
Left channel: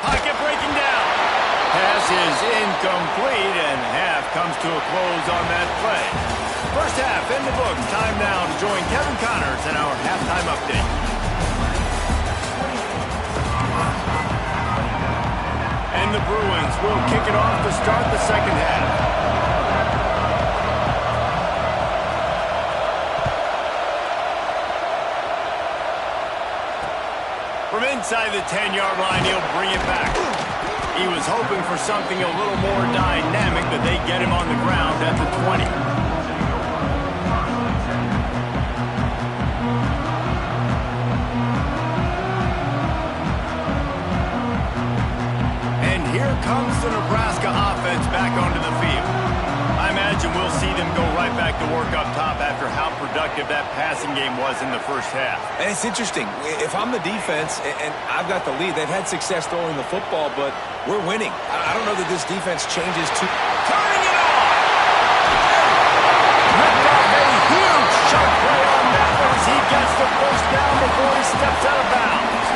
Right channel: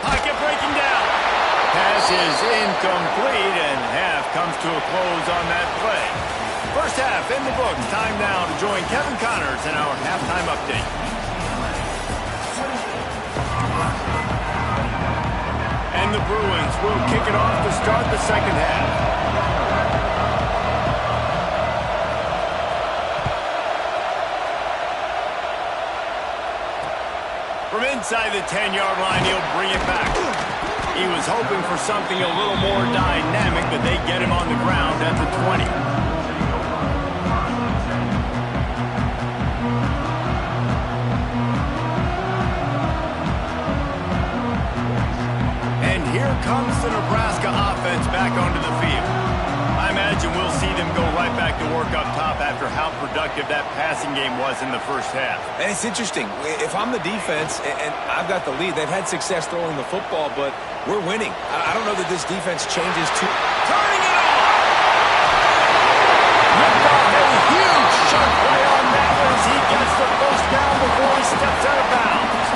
Pocket breaking down. Pass is incomplete, and half comes to a close on that play. First half in the books. Time now to join Kevin Connors in our halftime update. And the Bruins will kick it off to start the second half. From inside the 10-yard line, he'll bring it back. He was hoping for something a little more dynamic, but they get him on the ground at the 20. And here comes the Nebraska offense back onto the field. I imagine we'll see them go right back to work up top after how productive that passing game was in the first half. And it's interesting. If I'm the defense and I've got the lead, they've had success throwing the football, but we're winning. I don't know that this defense changes too. Turning it on! Ripped off a huge sharp play on that one as he gets the first down before he steps out of bounds.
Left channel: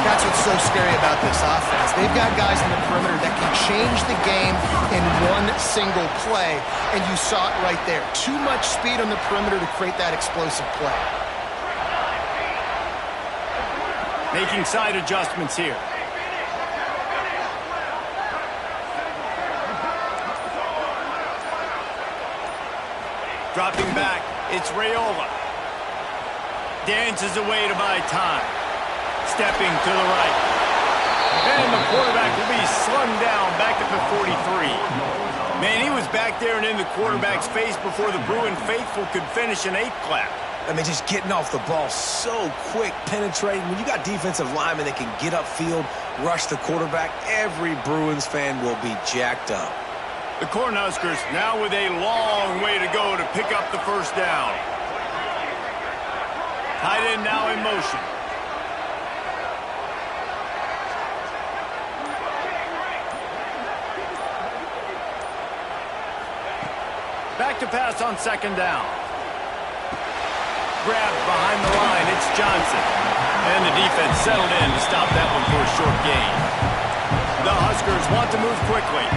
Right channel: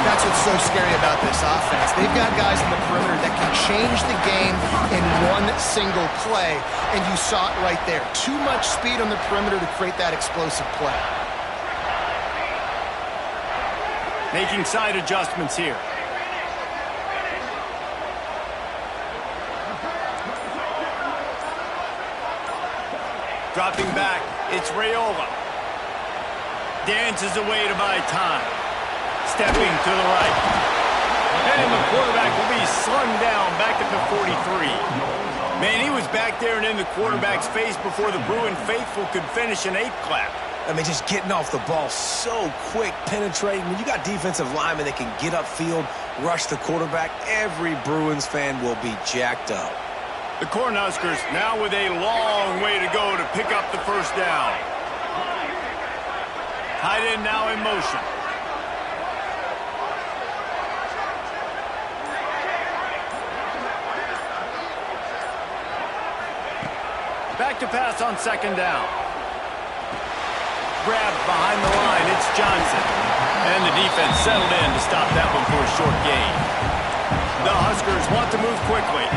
That's what's so scary about this offense. They've got guys in the perimeter that can change the game in one single play, and you saw it right there. Too much speed on the perimeter to create that explosive play. Making side adjustments here. Dropping back, it's Raiola. Dances away to buy time. Stepping to the right. And the quarterback will be slung down back at the 43. Man, he was back there and in the quarterback's face before the Bruin faithful could finish an 8 clap. I mean, just getting off the ball so quick, penetrating. When you got defensive linemen that can get upfield, rush the quarterback, every Bruins fan will be jacked up. The Cornhuskers now with a long way to go to pick up the first down. Tight end now in motion. Back to pass on 2nd down. Grabbed behind the line, it's Johnson. And the defense settled in to stop that one for a short gain. The Huskers want to move quickly.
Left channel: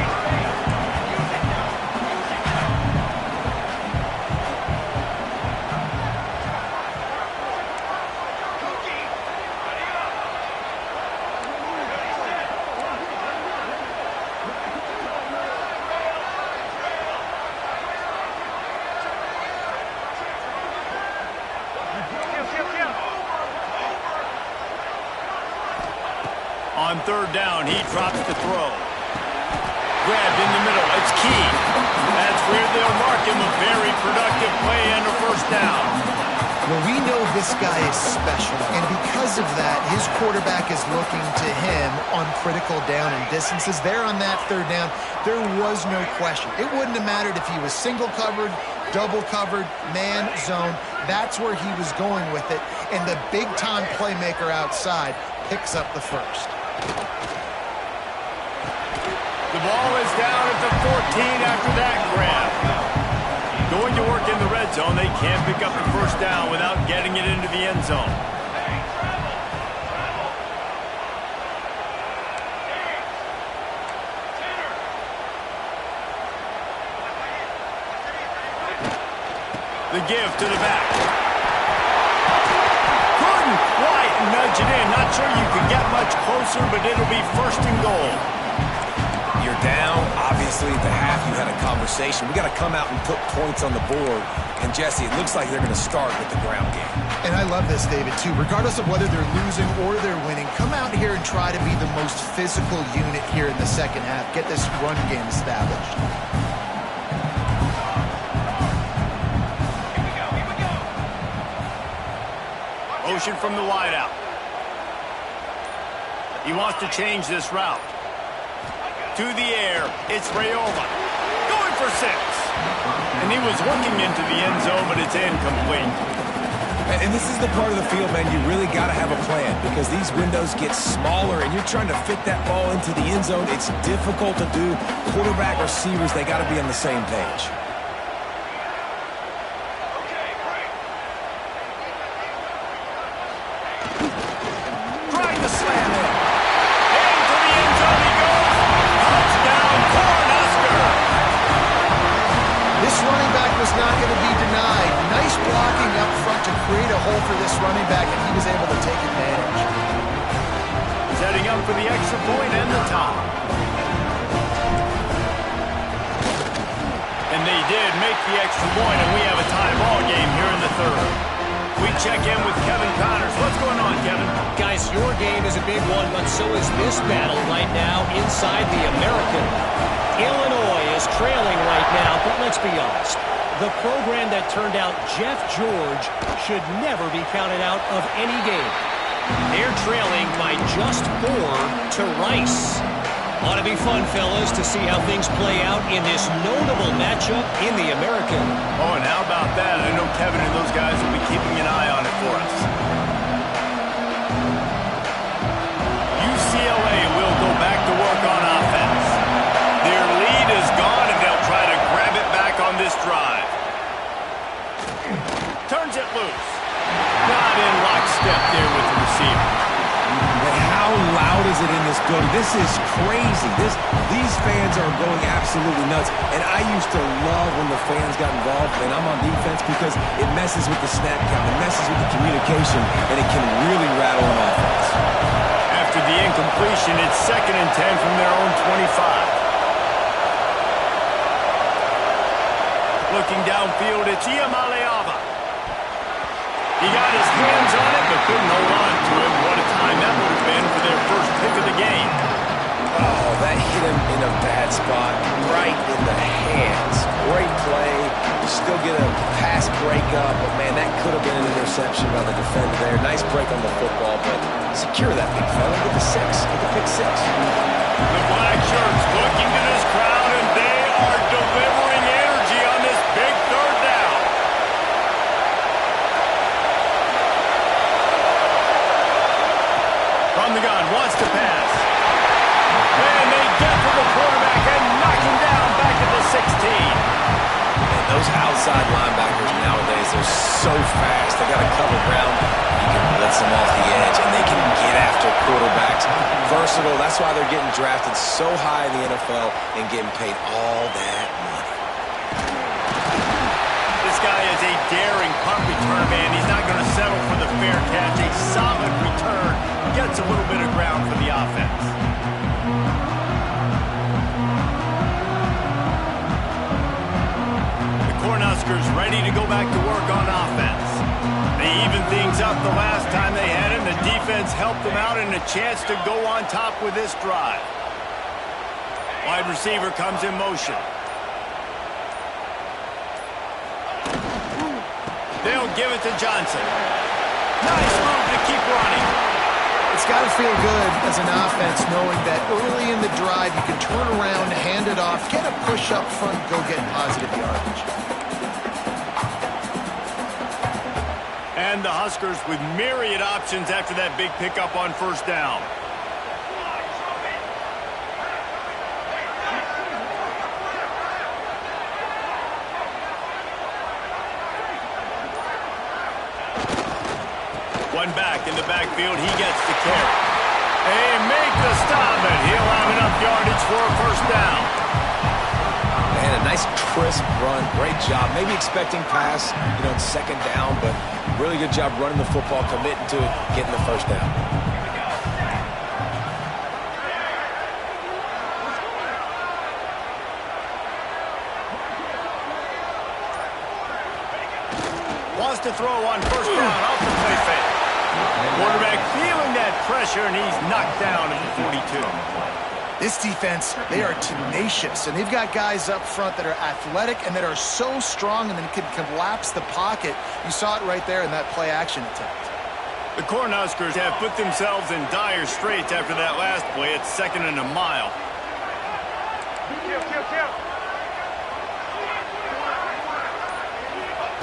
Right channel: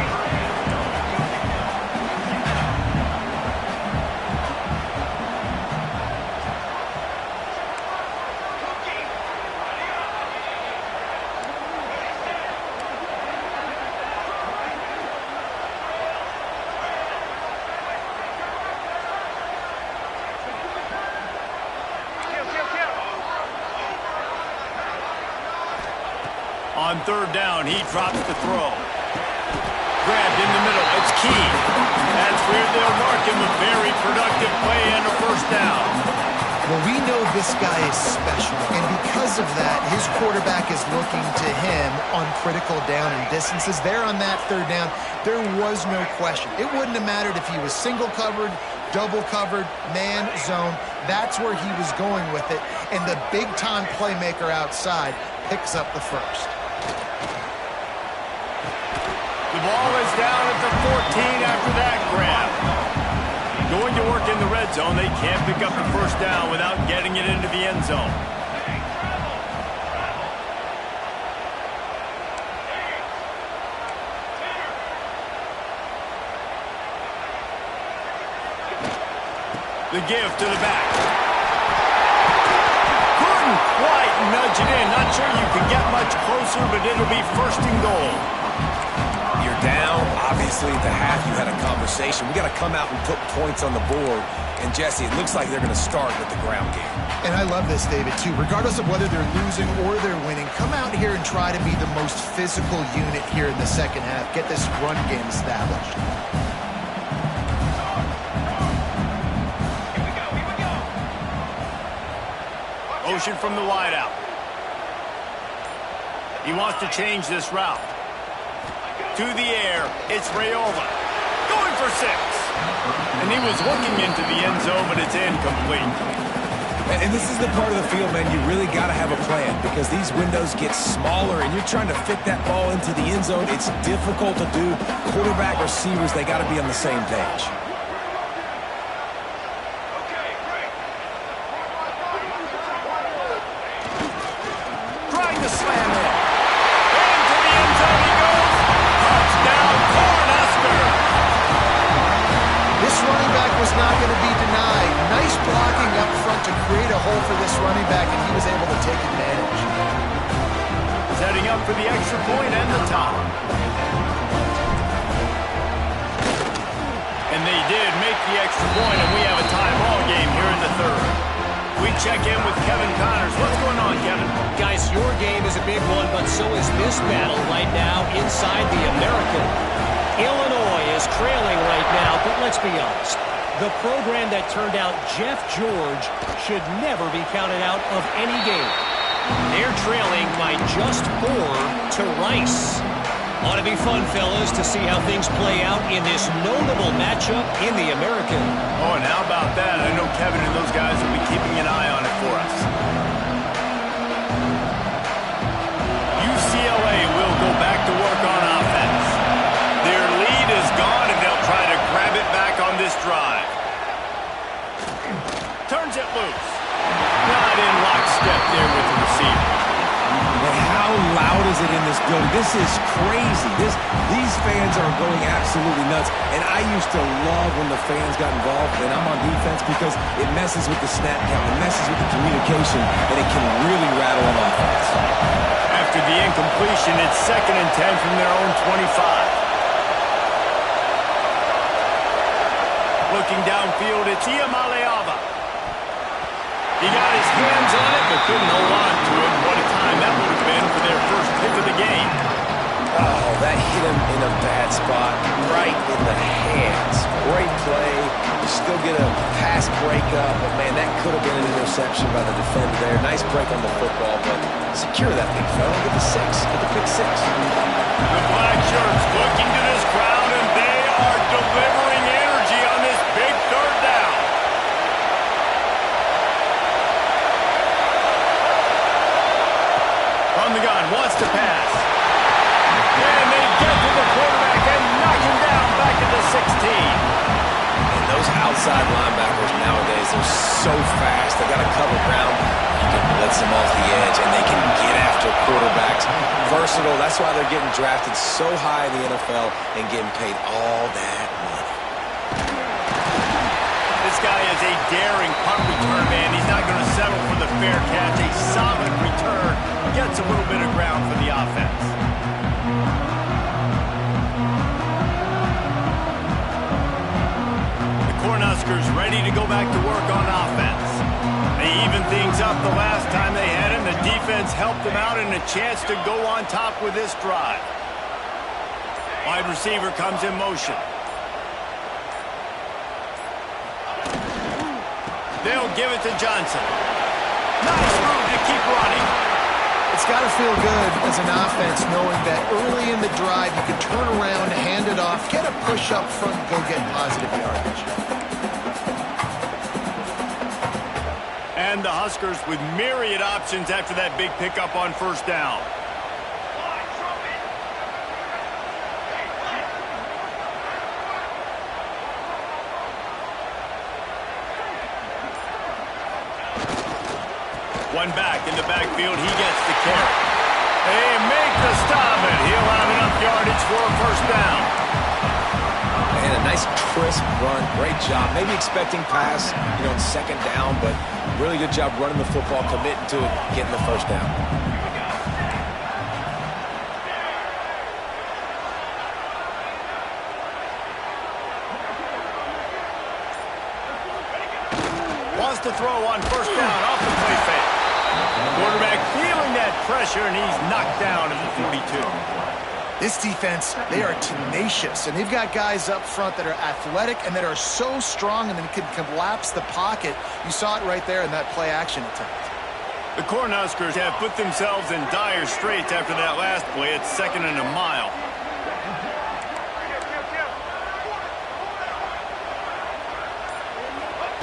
On 3rd down, he drops the throw. Grabbed in the middle. It's Key. That's where they'll mark him a very productive play and a first down. Well, we know this guy is special, and because of that, his quarterback is looking to him on critical down and distances. There on that third down, there was no question. It wouldn't have mattered if he was single covered, double covered, man, zone. That's where he was going with it, and the big-time playmaker outside picks up the first. The ball is down at the 14 after that grab. Going to work in the red zone. They can't pick up the first down without getting it into the end zone. The give to the back. Couldn't quite nudge it in. Not sure you could get much closer, but it'll be first and goal. You're down. Obviously, at the half, you had a conversation. We got to come out and put points on the board. And, Jesse, it looks like they're going to start with the ground game. And I love this, David, too. Regardless of whether they're losing or they're winning, come out here and try to be the most physical unit here in the second half. Get this run game established. Motion from the wideout. He wants to change this route. To the air, it's Raiola. Going for 6. And he was looking into the end zone, but it's incomplete. And this is the part of the field, man, you really got to have a plan because these windows get smaller and you're trying to fit that ball into the end zone. It's difficult to do. Quarterback, receivers, they got to be on the same page. Trying to slam in. Into the end zone he goes. Touchdown, Cornhusker. This running back was not going to be denied. Nice blocking up front to create a hole for this running back, and he was able to take advantage. Setting up for the extra point and the top. And they did make the extra point, and we have a tie ball game here in the third. We check in with Kevin Connors. What's going on, Kevin? Guys, your game is a big one, but so is this battle right now inside the American. Illinois is trailing right now, but let's be honest. The program that turned out Jeff George should never be counted out of any game. They're trailing by just 4 to Rice. Ought to be fun, fellas, to see how things play out in this notable matchup in the American. Oh, and how about that? I know Kevin and those guys will be keeping an eye on it for us. UCLA will go back to work on offense. Their lead is gone, and they'll try to grab it back on this drive. Turns it loose. Not in lockstep there with the receiver. But how loud is it in this building? This is crazy. These fans are going absolutely nuts. And I used to love when the fans got involved, and I'm on defense because it messes with the snap count, it messes with the communication, and it can really rattle an offense. After the incompletion, it's 2nd and 10 from their own 25. Looking downfield, it's Iamaleava. He got his hands on it, but couldn't hold on to it. What a time that would have been for their first pick of the game. Oh, that hit him in a bad spot, right in the hands. Great play. You still get a pass breakup, but, man, that could have been an interception by the defender there. Nice break on the football, but secure that big fella. Get the 6. Get the pick 6. The black shirts looking to this crowd, and they are delivering energy on this big third down. From the gun, wants to pass. And they get to the quarterback and knock him down back at the 16. And those outside linebackers nowadays, they're so fast. They got to cover ground. You can blitz them off the edge, and they can get after quarterbacks. Versatile. That's why they're getting drafted so high in the NFL and getting paid all that money. This guy is a daring punt return man. He's not going to settle for the fair catch. A solid return. Gets a little bit of ground for the offense. The Cornhuskers ready to go back to work on offense. They evened things up the last time they had him. The defense helped them out and a chance to go on top with this drive. Wide receiver comes in motion. They'll give it to Johnson. Nice move to keep running. It's got to feel good as an offense knowing that early in the drive you can turn around, hand it off, get a push up front, go get positive yardage. And the Huskers with myriad options after that big pickup on first down. One back in the backfield, he gets the carry. They make the stop, and he'll have enough yardage for a first down. And a nice crisp run, great job. Maybe expecting pass, in second down, but really good job running the football, committing to it, getting the first down. Wants to throw on first down off the play fake. Quarterback feeling that pressure, and he's knocked down at the 42. This defense, they are tenacious, and they've got guys up front that are athletic and that are so strong and then can collapse the pocket. You saw it right there in that play-action attempt. The Cornhuskers have put themselves in dire straits after that last play. It's 2nd and a mile.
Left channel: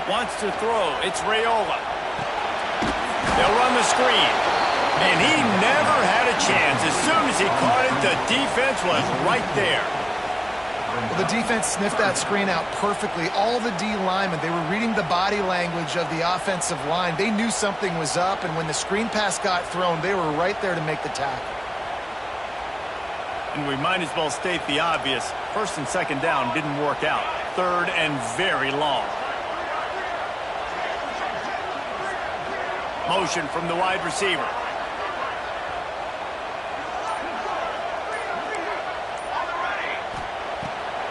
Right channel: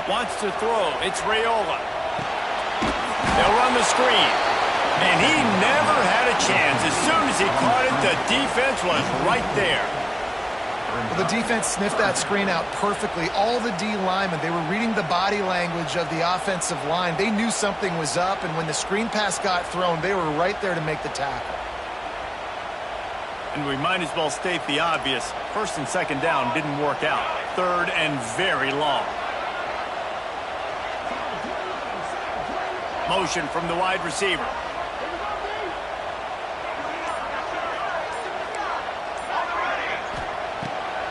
Wants to throw. It's Raiola. They'll run the screen. And he never had a chance. As soon as he caught it, the defense was right there. Well, the defense sniffed that screen out perfectly. All the D linemen, they were reading the body language of the offensive line. They knew something was up, and when the screen pass got thrown, they were right there to make the tackle. And we might as well state the obvious. First and second down didn't work out. Third and very long. Motion from the wide receiver.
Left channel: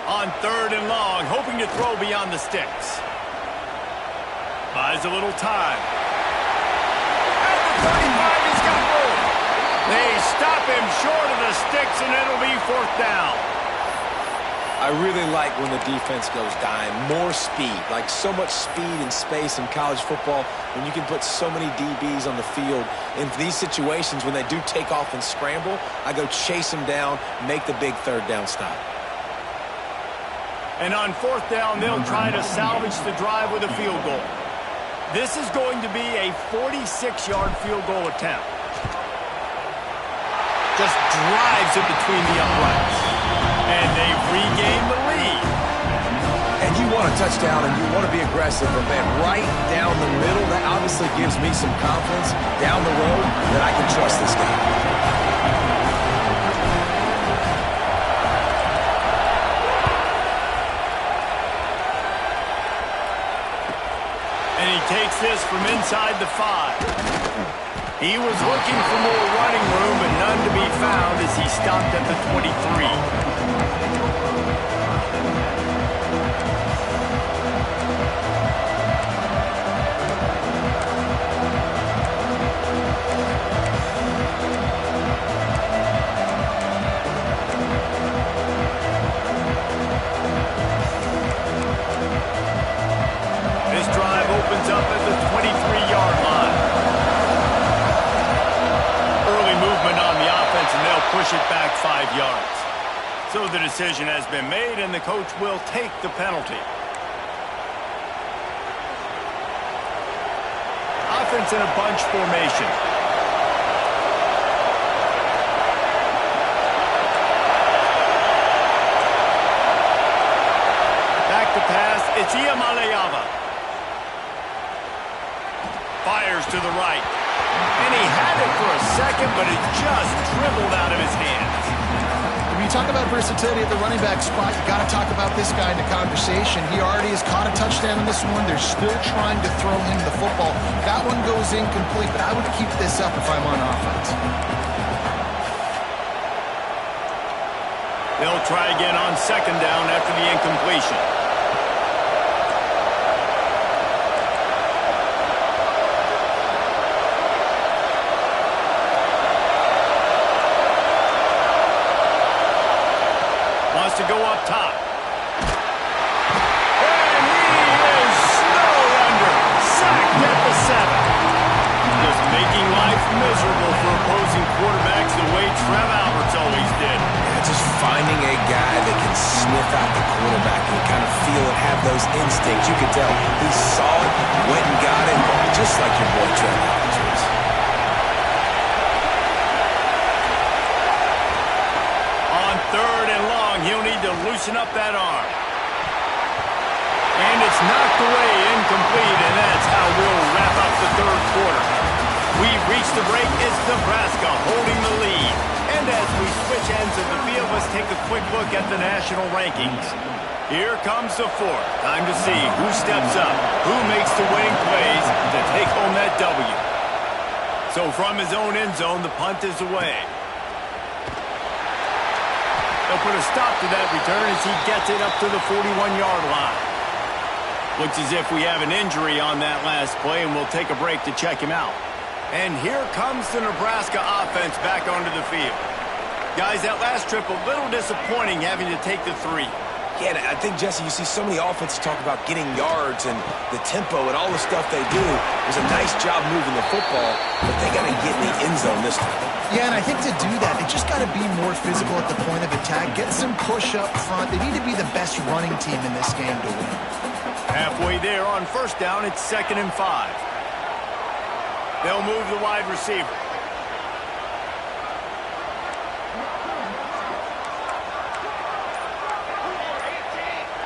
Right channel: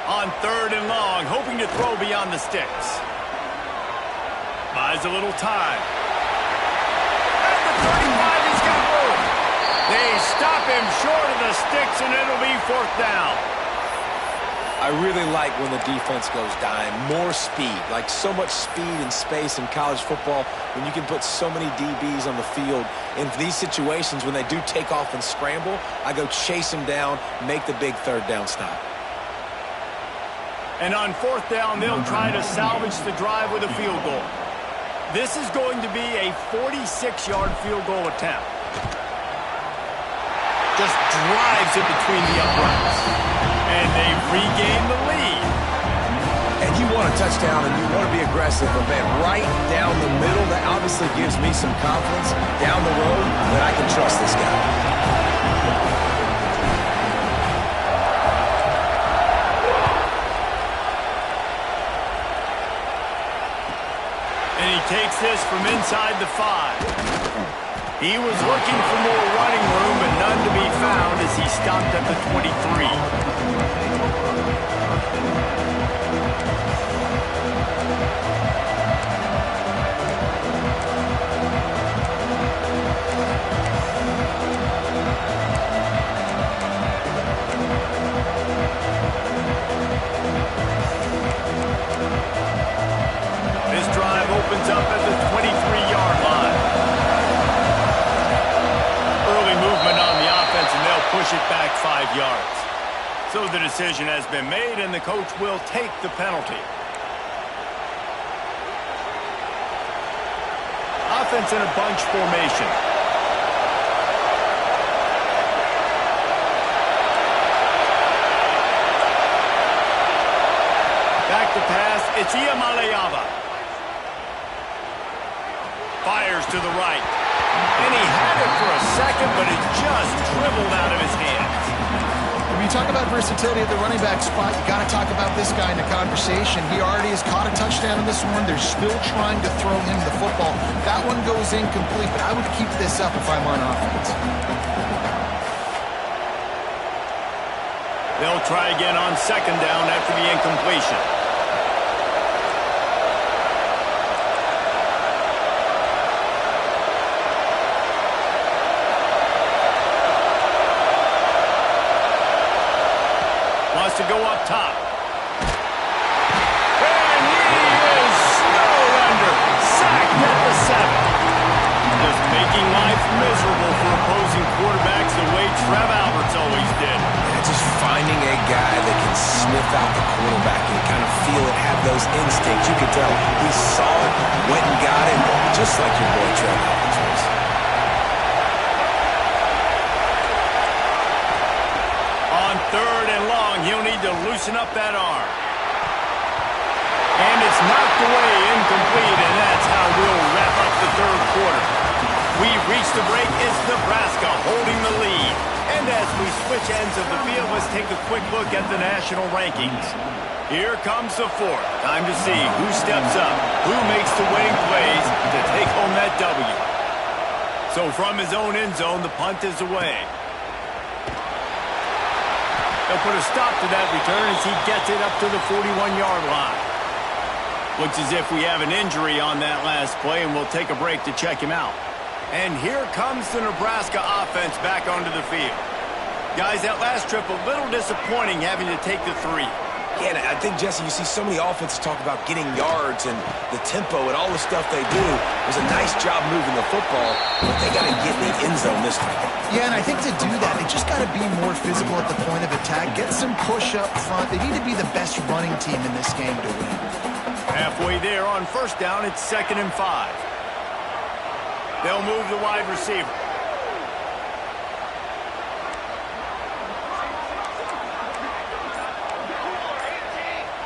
On third and long, hoping to throw beyond the sticks. Buys a little time. At the 35, he's got room. They stop him short of the sticks, and it'll be fourth down. I really like when the defense goes dime. More speed, like so much speed and space in college football when you can put so many DBs on the field. In these situations, when they do take off and scramble, I go chase them down, make the big third down stop. And on fourth down, they'll try to salvage the drive with a field goal. This is going to be a 46-yard field goal attempt. Just drives it between the uprights. And they've regained the lead. And you want a touchdown and you want to be aggressive, but man, right down the middle, that obviously gives me some confidence down the road that I can trust this guy. And he takes this from inside the 5. He was looking for more running room, but none to be found as he stopped at the 23. This drive opens up at the 23-yard line. Early movement on the offense, and they'll push it back 5 yards. So the decision has been made, and the coach will take the penalty. Offense in a bunch formation. Back to pass, it's Iamaleava. Fires to the right. And he had it for a second, but it just dribbled out of his hands. When you talk about versatility at the running back spot, you got to talk about this guy in the conversation. He already has caught a touchdown on this one. They're still trying to throw him the football. That one goes incomplete, but I would keep this up if I'm on offense. They'll try again on second down after the incompletion. Wants to go up top. And he is snowed under. life miserable for opposing quarterbacks the way Trev Alberts always did. Yeah, just finding a guy that can sniff out the quarterback and kind of feel it, have those instincts. You could tell he saw it, went and got it, just like your boy Trev Alberts was. On 3rd and long, he'll need to loosen up that arm. And it's knocked away, incomplete, and that's how we'll wrap up the 3rd quarter. We've reached the break. It's Nebraska holding the lead. And as we switch ends of the field, let's take a quick look at the national rankings. Here comes the 4th. Time to see who steps up, who makes the winning plays to take home that W. So from his own end zone, the punt is away. They'll put a stop to that return as he gets it up to the 41-yard line. Looks as if we have an injury on that last play, and we'll take a break to check him out. And here comes the Nebraska offense back onto the field. Guys, that last trip, a little disappointing having to take the 3. Yeah, and I think, Jesse, you see so many offenses talk about getting yards and the tempo and all the stuff they do. It was a nice job moving the football, but they got to get in the end zone this time. Yeah, and I think to do that, they just got to be more physical at the point of attack, get some push up front. They need to be the best running team in this game to win. Halfway there on 1st down, it's 2nd and 5. They'll move the wide receiver.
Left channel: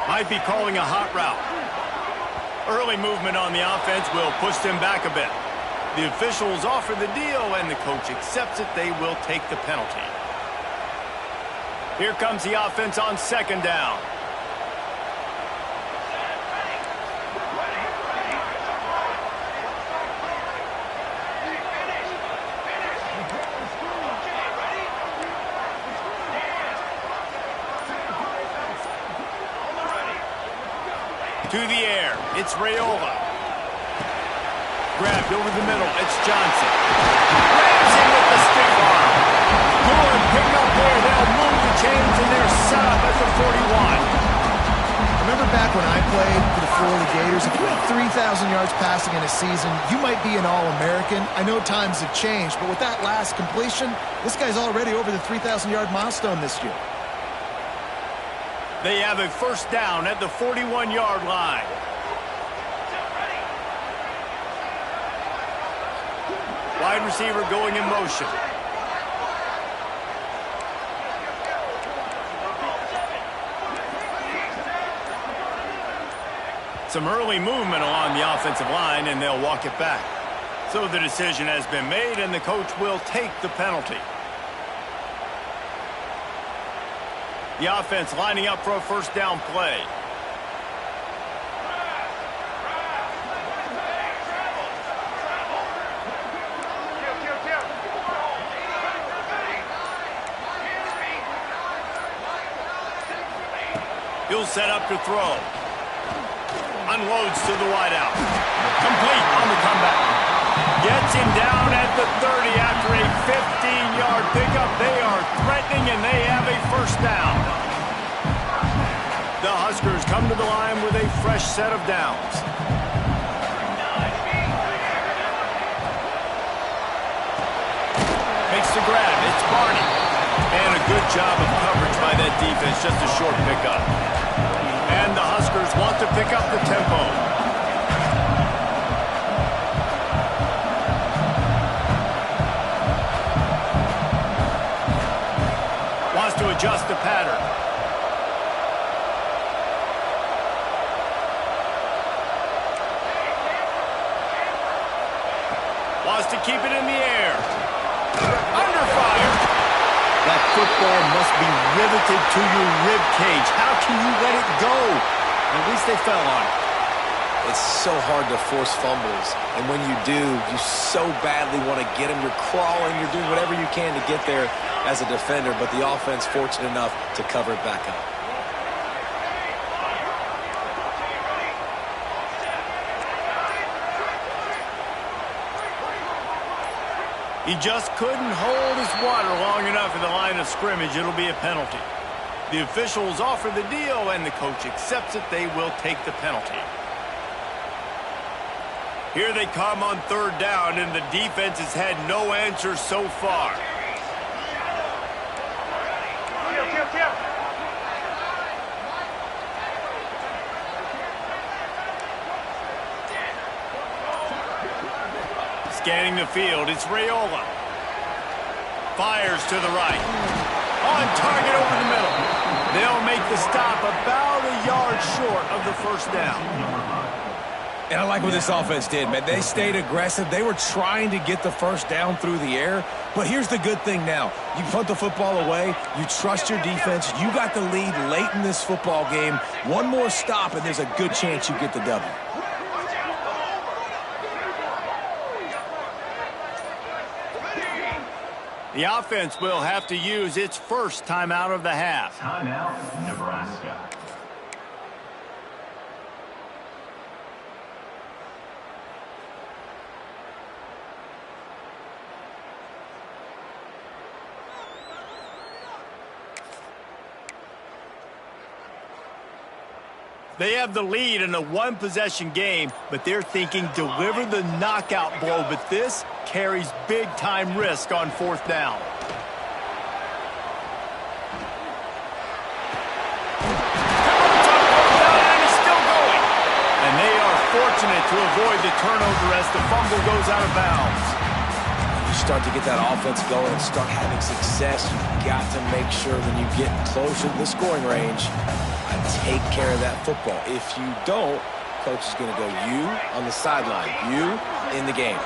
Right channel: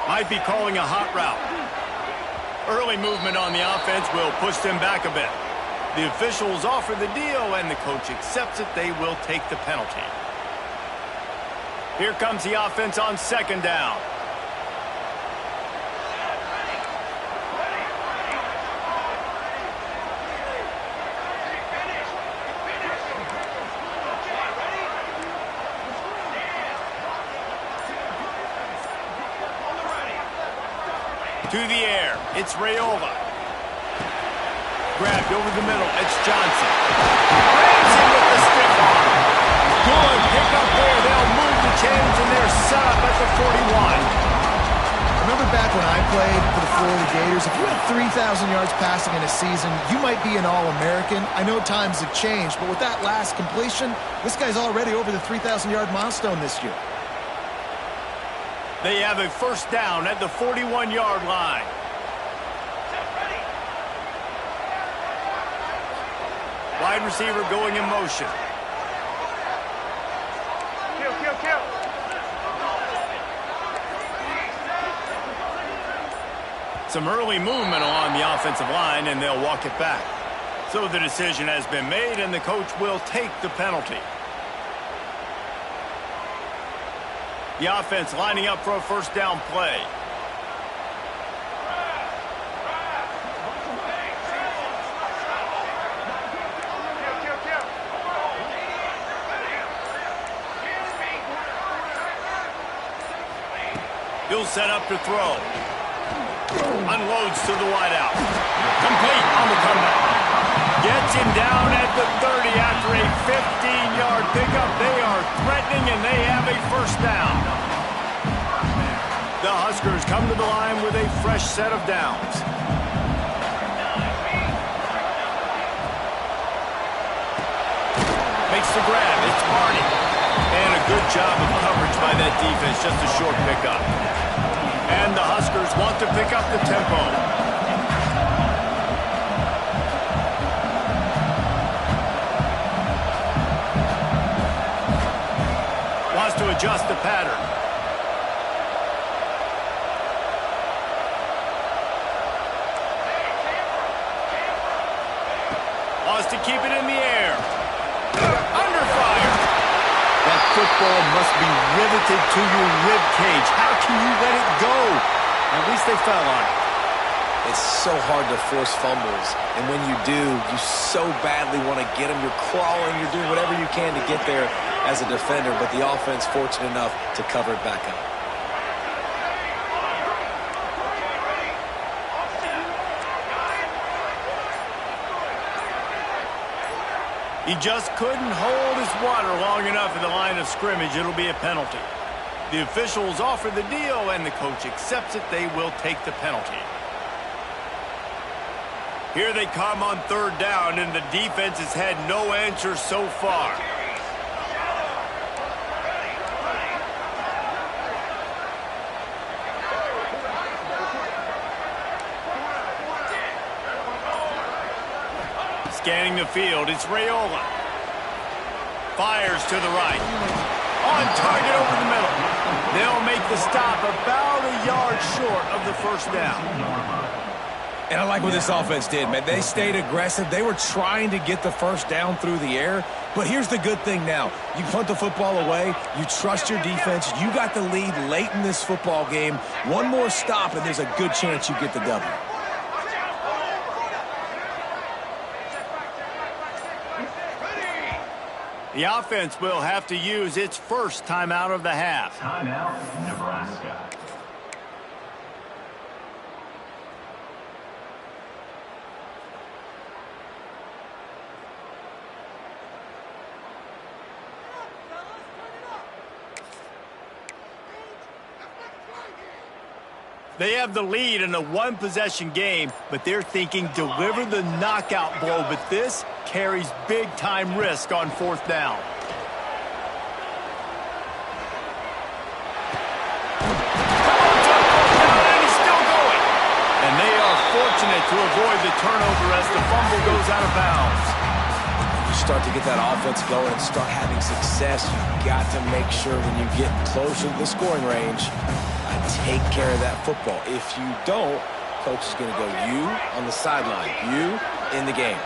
Might be calling a hot route. Early movement on the offense will push them back a bit. The officials offer the deal, and the coach accepts it. They will take the penalty. Here comes the offense on 2nd down. To the air, it's Raiola. Grabbed over the middle, it's Johnson. Grabs him with the stiff arm. Good pickup there. They'll move the chains, and they're set up at the 41. Remember back when I played for the Florida Gators, if you had 3,000 yards passing in a season, you might be an All-American. I know times have changed, but with that last completion, this guy's already over the 3,000-yard milestone this year. They have a 1st down at the 41-yard line. Wide receiver going in motion. Some early movement along the offensive line, and they'll walk it back. So the decision has been made, and the coach will take the penalty. The offense lining up for a 1st down play. He'll set up to throw. Unloads to the wideout. Complete on the comeback. Gets him down at the 30 after a 15-yard pickup. They are threatening, and they have a 1st down. The Huskers come to the line with a fresh set of downs. Makes the grab. It's Barney. And a good job of coverage by that defense. Just a short pickup. And the Huskers want to pick up the tempo. Wants to adjust the pattern. Wants to keep it in the air. Under fire. That football must be riveted to your rib cage. How can you let it go? At least they fell on it. It's so hard to force fumbles, and when you do, you so badly want to get them. You're crawling, you're doing whatever you can to get there as a defender, but the offense fortunate enough to cover it back up. He just couldn't hold his water long enough in the line of scrimmage. It'll be a penalty. The officials offer the deal, and the coach accepts it. They will take the penalty. Here they come on third down, and the defense has had no answer so far. Scanning the field, it's Raiola. Fires to the right. On target over the middle. They'll make the stop about a yard short of the first down. And I like what this offense did, man. They stayed aggressive. They were trying to get the first down through the air. But here's the good thing now. You punt the football away. You trust your defense. You got the lead late in this football game. One more stop, and there's a good chance you get the W. The offense will have to use its first timeout of the half. Timeout, Nebraska. They have the lead in a one-possession game, but they're thinking deliver the knockout blow, but this carries big-time risk on fourth down. And he's still going. And they are fortunate to avoid the turnover as the fumble goes out of bounds. When you start to get that offense going and start having success, you've got to make sure when you get closer to the scoring range, take care of that football. If you don't, coach is going to go you on the sideline, you in the game.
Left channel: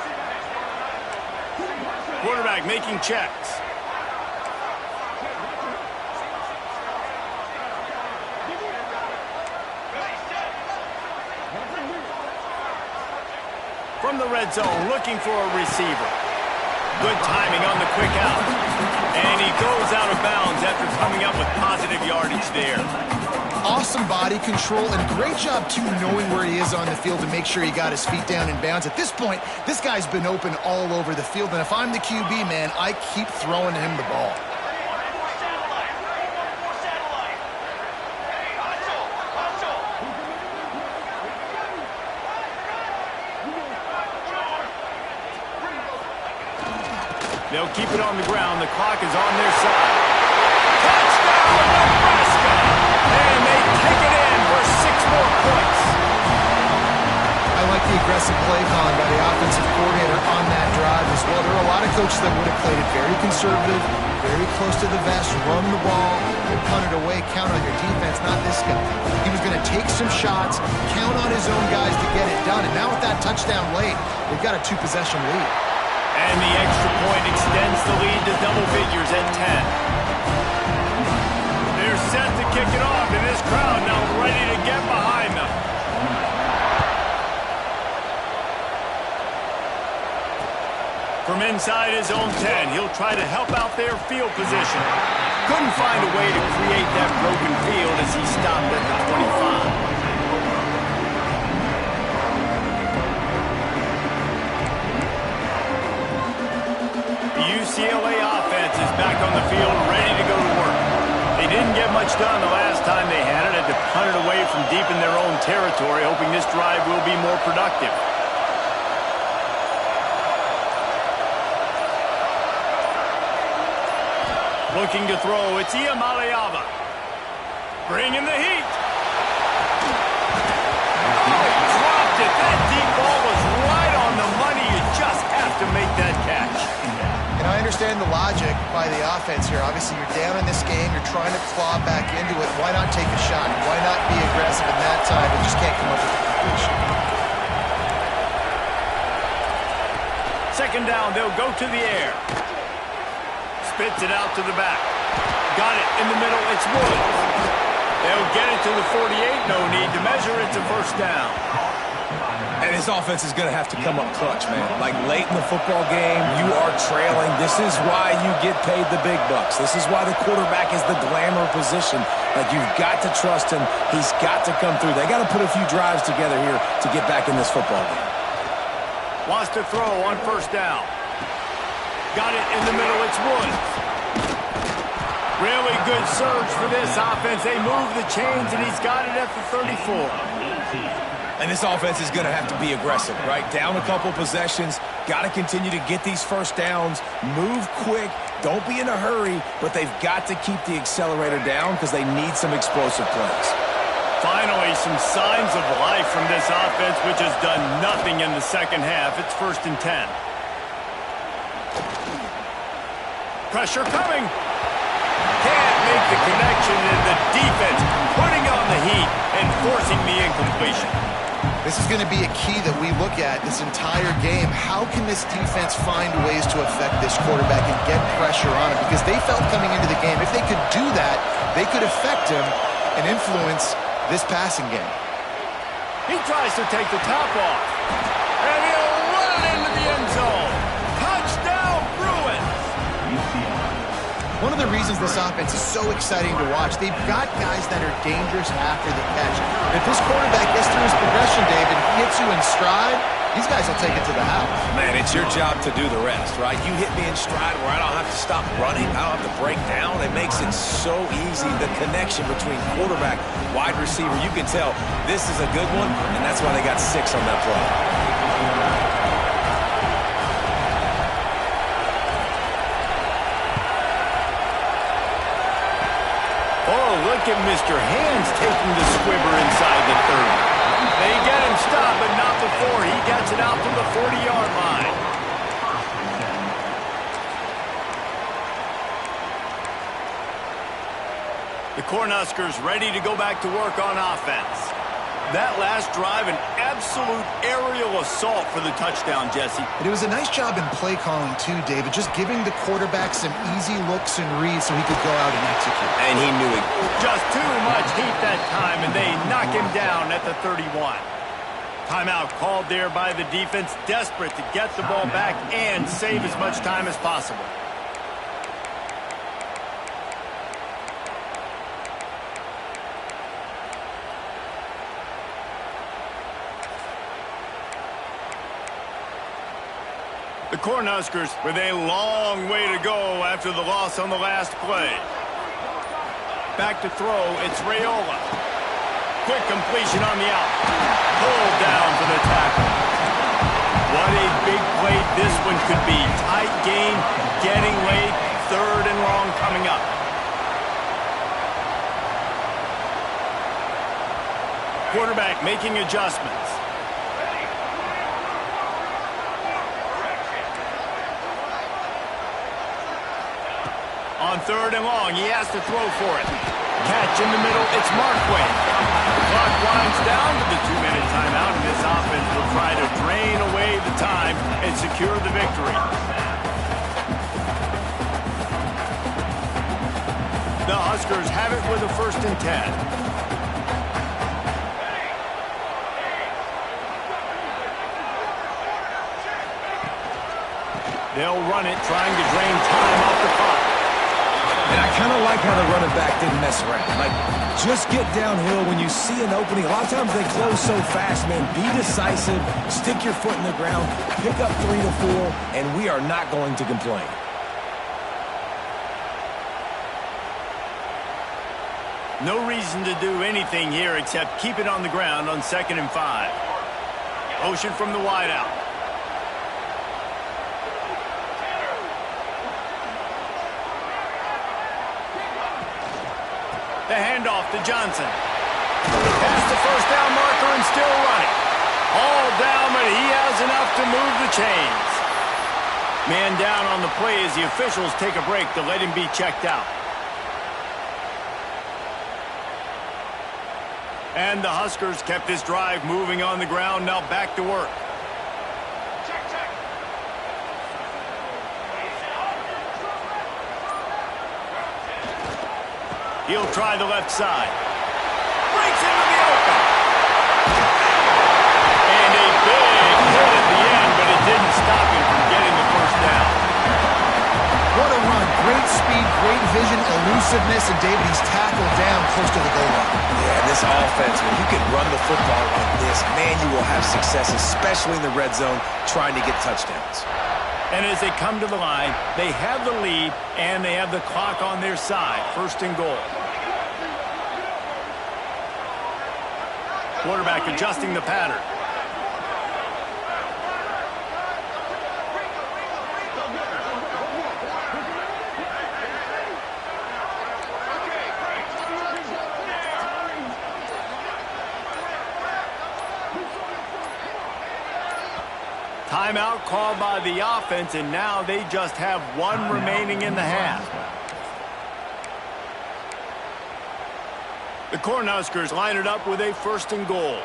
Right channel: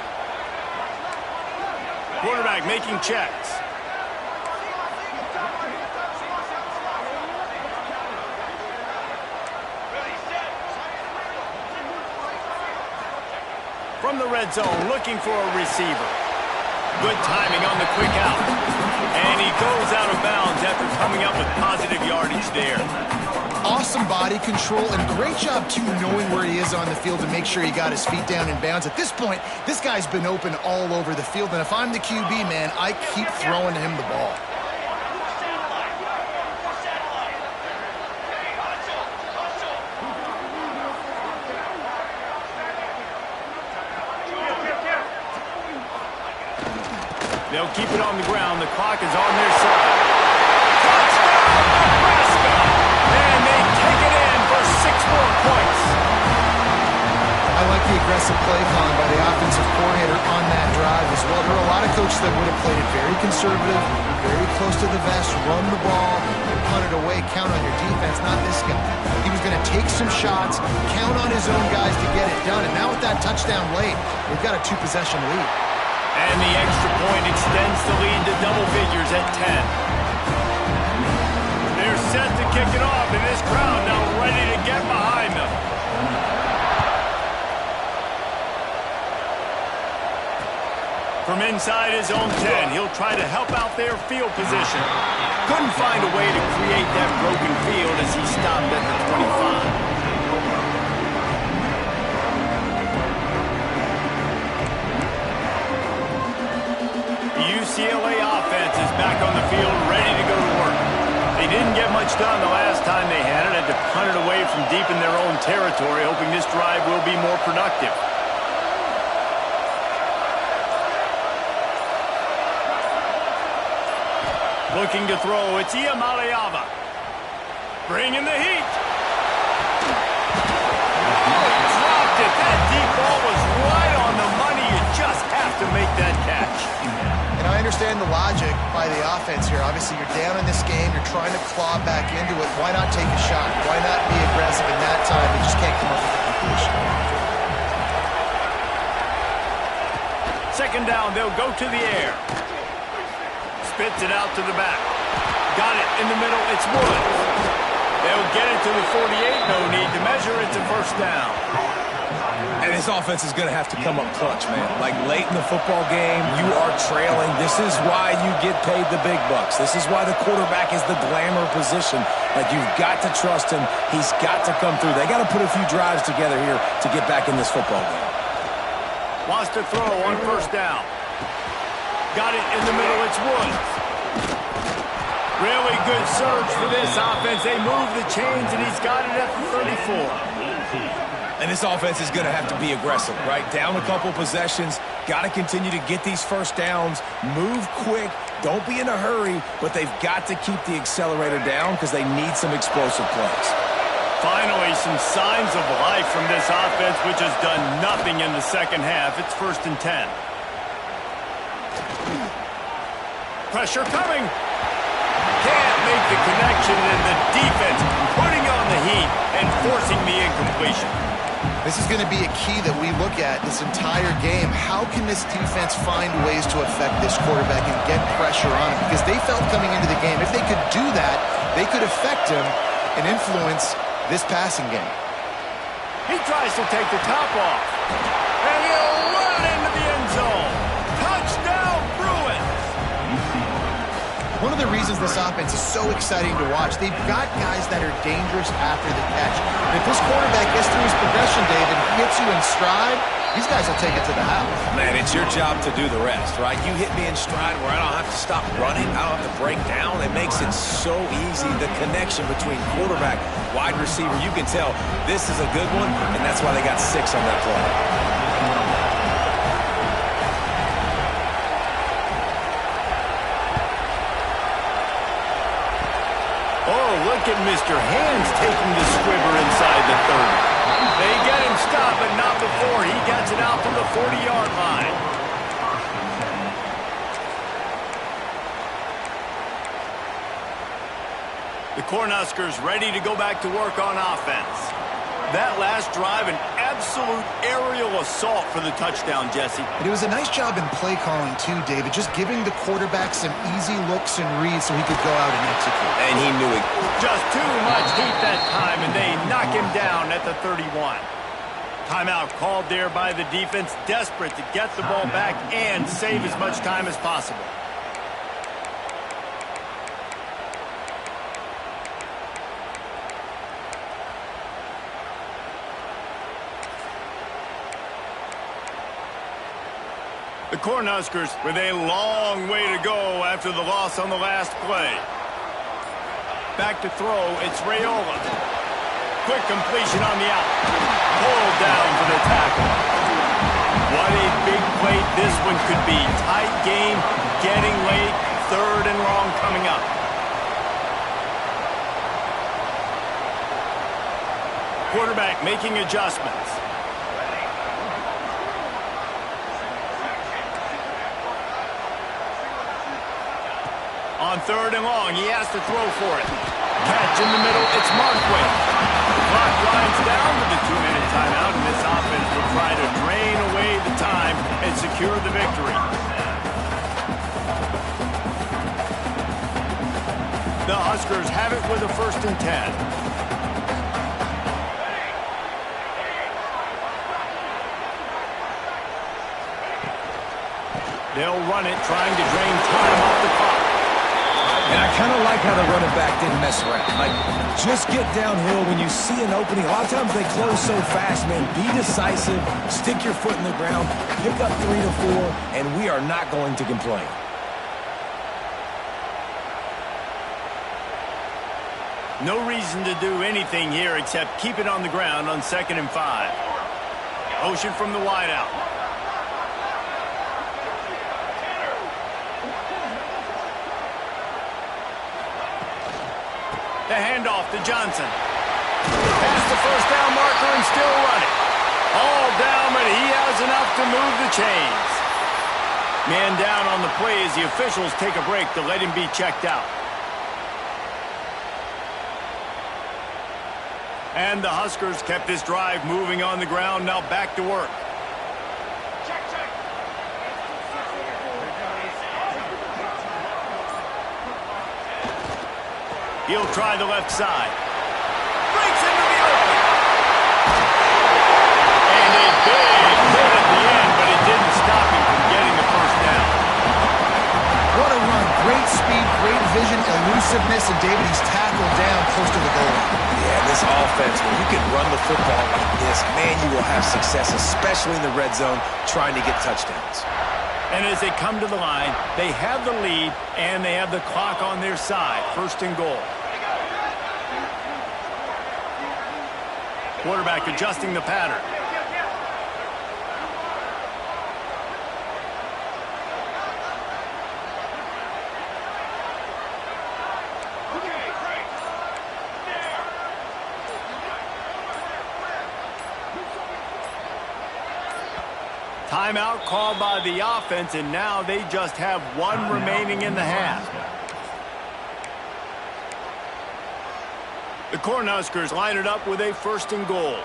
Quarterback making checks. From the red zone, looking for a receiver. Good timing on the quick out. And he goes out of bounds after coming up with positive yardage there. Awesome body control and great job, too, knowing where he is on the field to make sure he got his feet down in bounds. At this point, this guy's been open all over the field, and if I'm the QB, man, I keep throwing him the ball. They'll keep it on the ground. The clock is on their side. Touchdown, Nebraska! And they take it in for 6 more points. I like the aggressive play calling by the offensive coordinator on that drive as well. There are a lot of coaches that would have played it very conservative, very close to the vest, run the ball, and punt it away, count on your defense, not this guy. He was going to take some shots, count on his own guys to get it done, and now with that touchdown late, they've got a 2-possession lead. And the extra point extends the lead to double figures at 10. They're set to kick it off, and this crowd now ready to get behind them. From inside his own 10, he'll try to help out their field position. Couldn't find a way to create that broken field as he stopped at the 25. UCLA offense is back on the field, ready to go to work. They didn't get much done the last time they had it. Had to punt it away from deep in their own territory, hoping this drive will be more productive. Looking to throw, it's Iamaleava. Bringing the heat. Oh, he dropped it. That deep ball was right on the money. You just have to make that catch. And I understand the logic by the offense here. Obviously, you're down in this game. You're trying to claw back into it. Why not take a shot? Why not be aggressive in that time? They just can't come up with a completion. Second down, they'll go to the air. Spits it out to the back. Got it in the middle. It's Woods. They'll get it to the 48. No need to measure. It's a first down. And this offense is going to have to come up clutch, man. Like late in the football game, you are trailing. This is why you get paid the big bucks. This is why the quarterback is the glamour position. Like, you've got to trust him. He's got to come through. They got to put a few drives together here to get back in this football game. Wants to throw on first down. Got it in the middle. It's Woods. Really good surge for this offense. They move the chains, and he's got it at the 34. And this offense is going to have to be aggressive, right? Down a couple possessions, got to continue to get these first downs, move quick, don't be in a hurry, but they've got to keep the accelerator down because they need some explosive plays. Finally, some signs of life from this offense, which has done nothing in the second half. It's 1st and 10. Pressure coming. Can't make the connection, and the defense putting on the heat and forcing the incompletion. This is going to be a key that we look at this entire game. How can this defense find ways to affect this quarterback and get pressure on him? Because they felt coming into the game, if they could do that, they could affect him and influence this passing game. He tries to take the top off, and he'll run it into the end zone. Touchdown, Bruins! One of the reasons this offense is so exciting to watch, they've got guys that are dangerous after the catch. And if this quarterback gets through his progression, David, hits you in stride, these guys will take it to the house. Man, it's your job to do the rest, right? You hit me in stride where I don't have to stop running. I don't have to break down. It makes it so easy. The connection between quarterback, wide receiver, you can tell this is a good one, and that's why they got 6 on that play. Oh, look at Mr. Hands taking the squibber inside the 30. They get him stopped, but not before he gets it out to the 40-yard line. The Cornhuskers ready to go back to work on offense. That last drive, an absolute aerial assault for the touchdown, Jesse. And it was a nice job in play calling, too, David, just giving the quarterback some easy looks and reads so he could go out and execute. And he knew it. Just too much heat that time, and they knock him down at the 31. Timeout called there by the defense, desperate to get the ball back and save as much time as possible. The Cornhuskers with a long way to go after the loss on the last play. Back to throw, it's Raiola. Quick completion on the out. Pulled down for the tackle. What a big play this one could be. Tight game, getting late, 3rd and long coming up. Quarterback making adjustments. On 3rd and long, he has to throw for it. Catch in the middle, it's Markway. The clock winds down to the 2-minute timeout, and this offense will try to drain away the time and secure the victory. The Huskers have it with a 1st and 10. They'll run it, trying to drain time off the clock. And I kind of like how the running back didn't mess around. Like, just get downhill when you see an opening. A lot of times they close so fast, man. Be decisive, stick your foot in the ground, pick up 3 to 4, and we are not going to complain. No reason to do anything here except keep it on the ground on 2nd and 5. Motion from the wideout. The handoff to Johnson. Past the 1st down marker and still running. All down, but he has enough to move the chains. Man down on the play as the officials take a break to let him be checked out. And the Huskers kept this drive moving on the ground, now back to work. Check. He'll try the left side. Breaks into the open. And a big hit at the end, but it didn't stop him from getting the 1st down. What a run. Great speed, great vision, elusiveness, and David, he's tackled down close to the goal line. Yeah, this offense, when you can run the football like this, man, you will have success, especially in the red zone, trying to get touchdowns. And as they come to the line, they have the lead, and they have the clock on their side. 1st and goal. Quarterback adjusting the pattern. Timeout called by the offense, and now they just have one remaining in the half. The Cornhuskers line it up with a 1st and goal.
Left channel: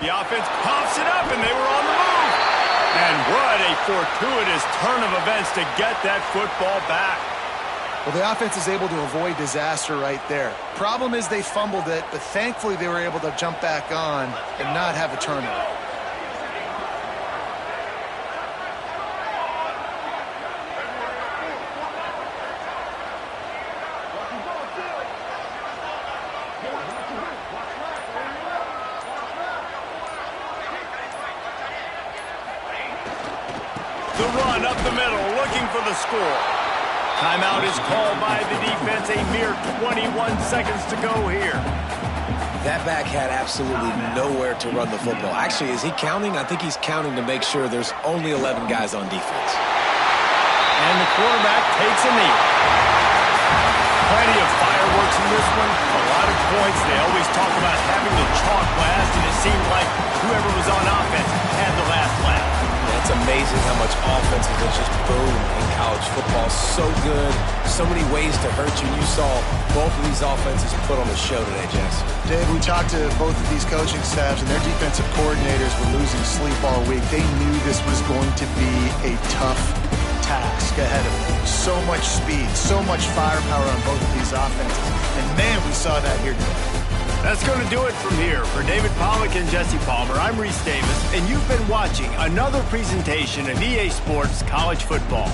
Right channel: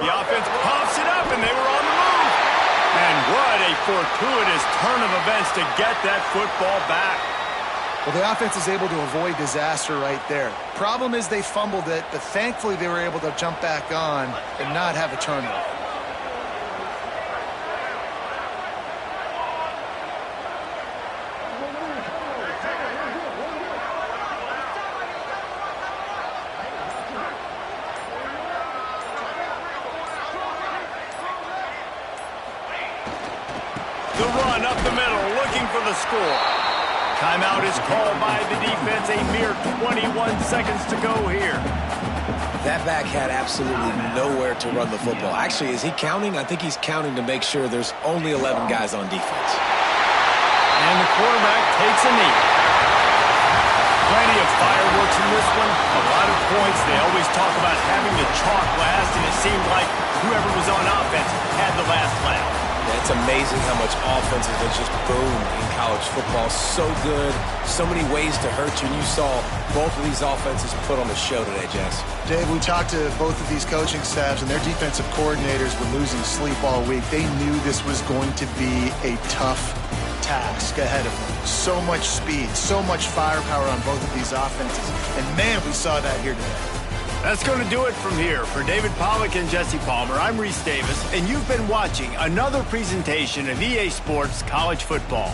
The offense pumps it up, and they were on the move. And what a fortuitous turn of events to get that football back. Well, the offense is able to avoid disaster right there. Problem is they fumbled it, but thankfully they were able to jump back on and not have a turnover. The run up the middle, looking for the score. Timeout is called by the defense. A mere 21 seconds to go here. That back had absolutely nowhere to run the football. Actually, is he counting? I think he's counting to make sure there's only 11 guys on defense. And the quarterback takes a knee. Plenty of fireworks in this one. A lot of points. They always talk about having the chalk last, and it seemed like whoever was on offense had the last laugh. It's amazing how much offenses have just boomed in college football. So good, so many ways to hurt you. And you saw both of these offenses put on a show today, Jess. Dave, we talked to both of these coaching staffs, and their defensive coordinators were losing sleep all week. They knew this was going to be a tough task ahead of them. So much speed, so much firepower on both of these offenses. And, man, we saw that here today. That's going to do it from here. For David Pollack and Jesse Palmer, I'm Reese Davis, and you've been watching another presentation of EA Sports College Football.